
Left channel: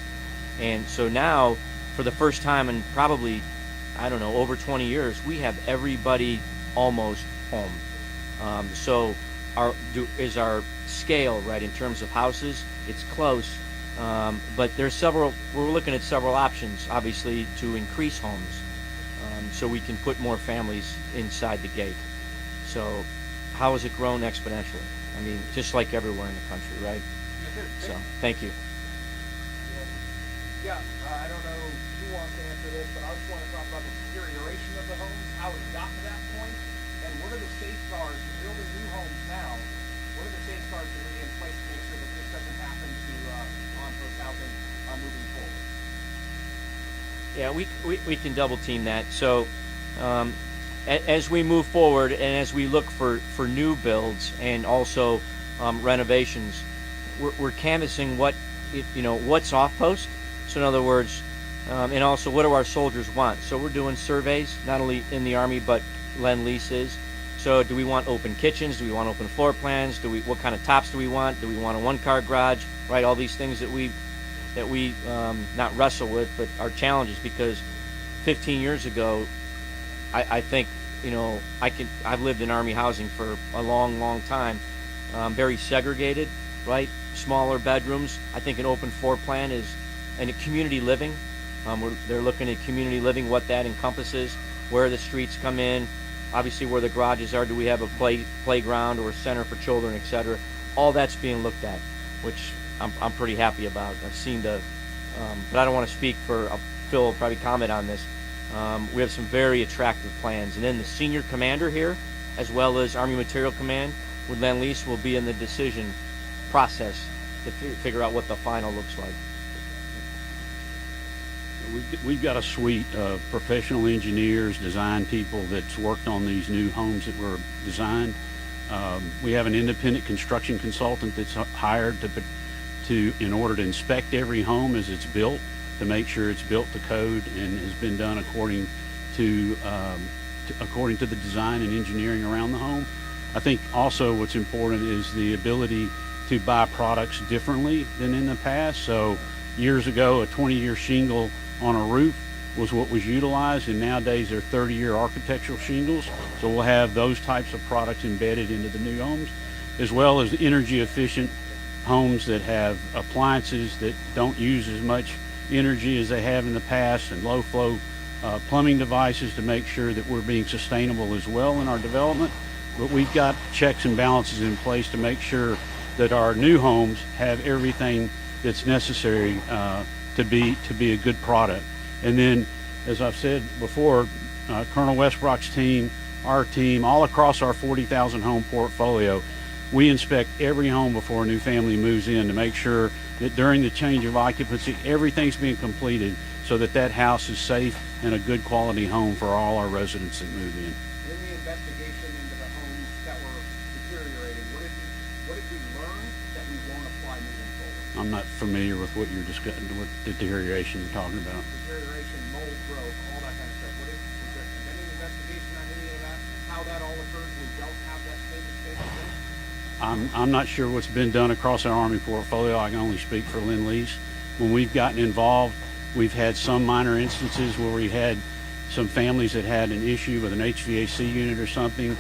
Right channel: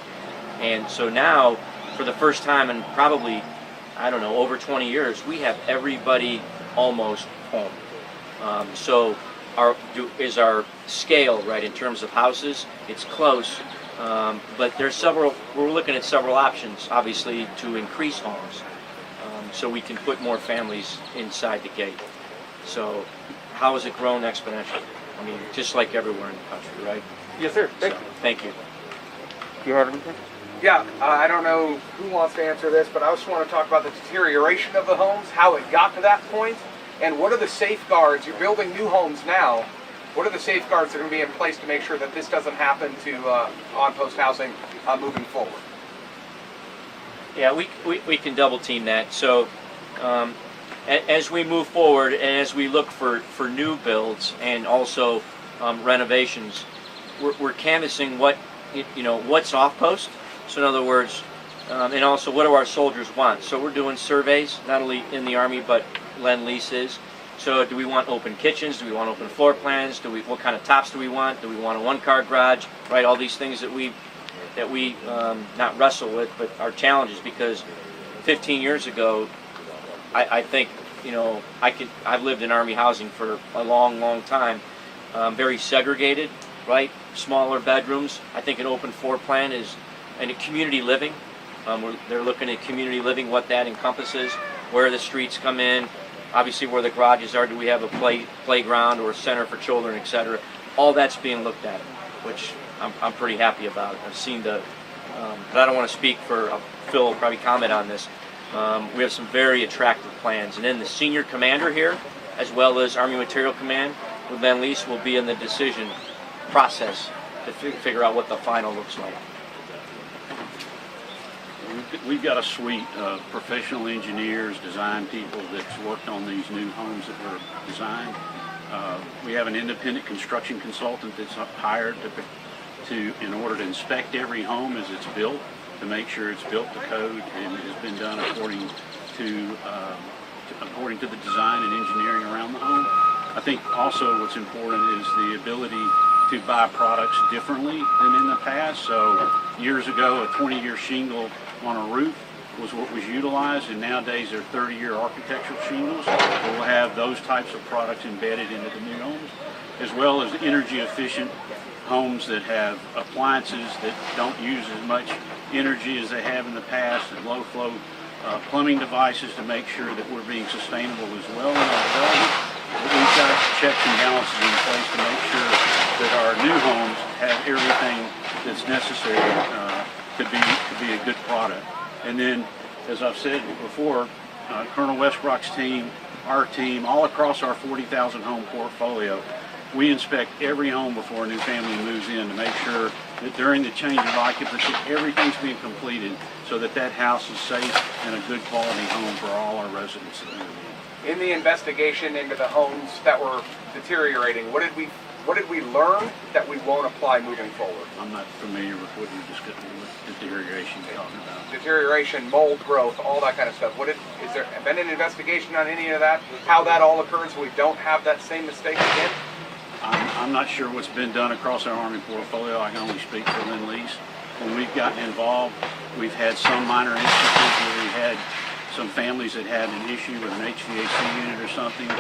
And so now, for the first time in probably, I don't know, over 20 years, we have everybody almost home. So is our scale, right, in terms of houses, it's close, but we're looking at several options, obviously, to increase homes, so we can put more families inside the gate. So how has it grown exponentially? I mean, just like everywhere in the country, right? Yes, sir. Thank you. You heard him? Yeah, I don't know who wants to answer this, but I just want to talk about the deterioration of the homes, how it got to that point, and what are the safeguards? You're building new homes now. What are the safeguards that are going to be in place to make sure that this doesn't happen to on-post housing moving forward? Yeah, we can double team that. So as we move forward and as we look for new builds and also renovations, we're canvassing what's off post. So in other words, and also what do our soldiers want? So we're doing surveys not only in the Army but Lendlease is. So do we want open kitchens? Do we want open floor plans? What kind of tops do we want? Do we want a one-car garage? Right, all these things that we not wrestle with, but are challenges because 15 years ago, I think I've lived in Army housing for a long time, very segregated, right? Smaller bedrooms. I think an open floor plan is, and a community living. They're looking at community living, what that encompasses, where the streets come in, obviously where the garages are. Do we have a playground or a center for children, etc.? All that's being looked at, which I'm pretty happy about. I've seen but I don't want to speak for Phil. Will probably comment on this. We have some very attractive plans, and then the senior commander here, as well as Army Material Command with Lendlease, will be in the decision process to figure out what the final looks like. We've got a suite of professional engineers, design people that's worked on these new homes that were designed. We have an independent construction consultant that's hired in order to inspect every home as it's built, to make sure it's built to code and has been done according to the design and engineering around the home. I think also what's important is the ability to buy products differently than in the past. So years ago, a 20-year shingle on a roof was what was utilized, and nowadays they're 30-year architectural shingles. So we'll have those types of products embedded into the new homes, as well as energy efficient homes that have appliances that don't use as much energy as they have in the past, and low flow plumbing devices to make sure that we're being sustainable as well in our development. But we've got checks and balances in place to make sure that our new homes have everything that's necessary to be a good product. And then, as I've said before, Colonel Westbrook's team, our team, all across our 40,000 home portfolio, we inspect every home before a new family moves in to make sure that during the change of occupancy, everything's being completed so that house is safe and a good quality home for all our residents that move in. In the investigation into the homes that were deteriorating, what did we learn that we won't apply moving forward? I'm not familiar with what you're discussing, what deterioration you're talking about. Deterioration, mold growth, all that kind of stuff. Is there been an investigation on any of that? How that all occurs so we don't have that same mistake again? I'm not sure what's been done across our Army portfolio. I can only speak for Lendlease. when we've gotten involved, we've had some minor instances where we had some families that had an issue with an HVAC unit or something,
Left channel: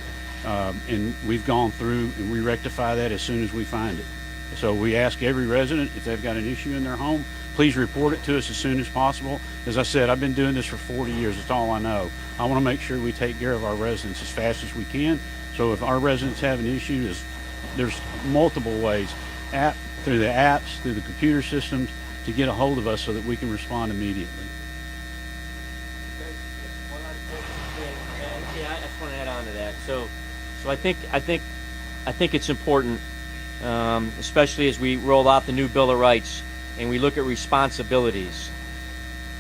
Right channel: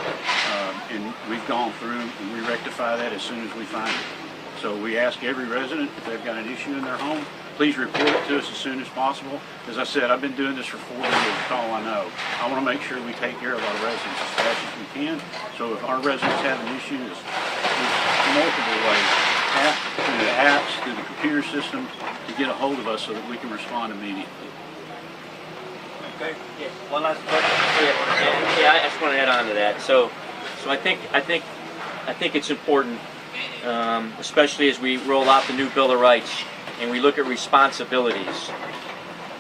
and we've gone through and we rectify that as soon as we find it. So we ask every resident if they've got an issue in their home, please report it to us as soon as possible. As I said, I've been doing this for 40 years, that's all I know. I want to make sure we take care of our residents as fast as we can. So if our residents have an issue, there's multiple ways, through the apps, through the computer systems, to get a hold of us so that we can respond immediately. One last question. Yeah, I just want to add on to that. So I think it's important, especially as we roll out the new Bill of Rights and we look at responsibilities,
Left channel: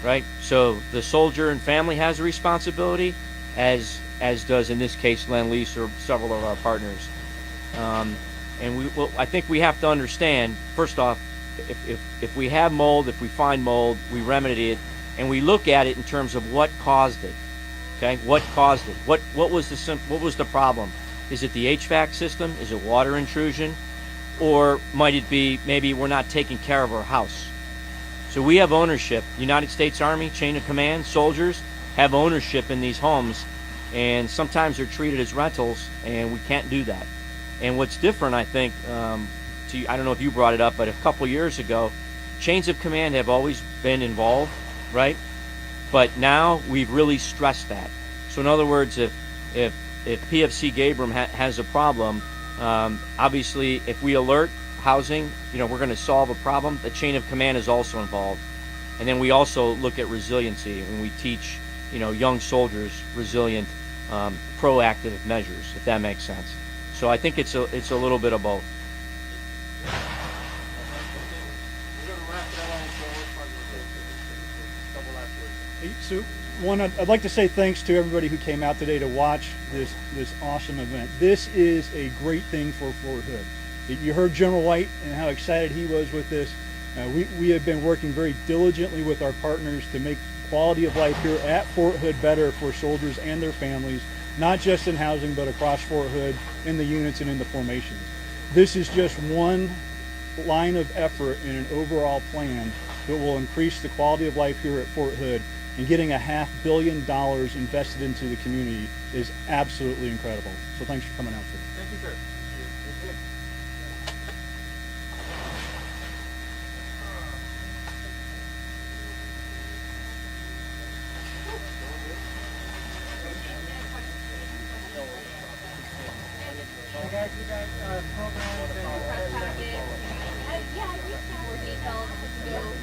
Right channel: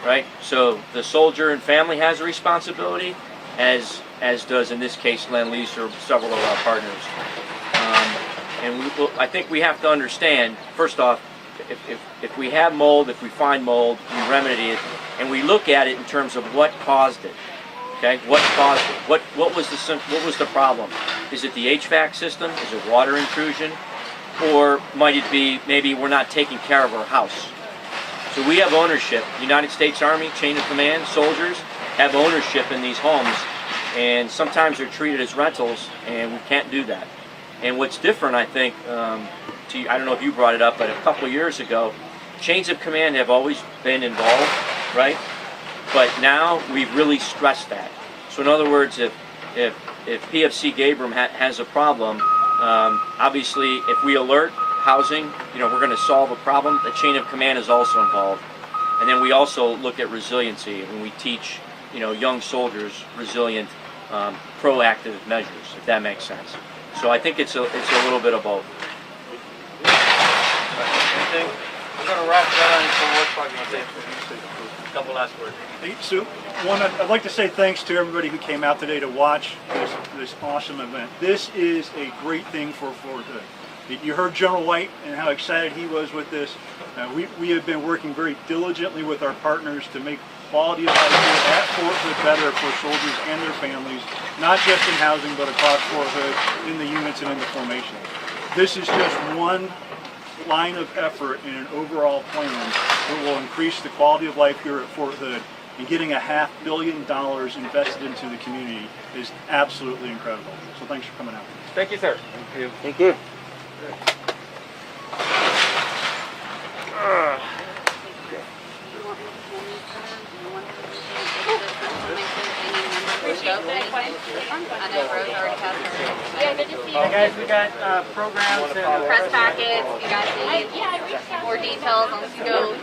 right? So the soldier and family has a responsibility, as does in this case Lendlease or several of our partners. I think we have to understand, first off, if we have mold, if we find mold, we remedy it, and we look at it in terms of what caused it. Okay, what caused it? What was the problem? Is it the HVAC system? Is it water intrusion? Or might it be maybe we're not taking care of our house? So we have ownership. United States Army, chain of command, soldiers have ownership in these homes, and sometimes they're treated as rentals, and we can't do that. And what's different, I think, I don't know if you brought it up, but a couple of years ago, chains of command have always been involved, right? But now we've really stressed that. So in other words, if PFC Gabriel has a problem, obviously if we alert housing, we're going to solve a problem. The chain of command is also involved. And then we also look at resiliency, and we teach young soldiers resilient, proactive measures, if that makes sense. So I think it's a little bit of both. Anything? We're going to wrap that on until what's probably going to say a couple last words. So, I'd like to say thanks to everybody who came out today to watch this awesome event. This is a great thing for Fort Hood. You heard General White and how excited he was with this. We have been working very diligently with our partners to make quality of life here at Fort Hood better for soldiers and their families, not just in housing, but across Fort Hood, in the units and in the formations. This is just one line of effort in an overall plan that will increase the quality of life here at Fort Hood, and getting $500 million invested into the community is absolutely incredible. So thanks for coming out. Thank you, sir. Thank you. Thank you. Yeah, good to see you. Hey guys, we got programs and Press packets, you guys need more details on scope.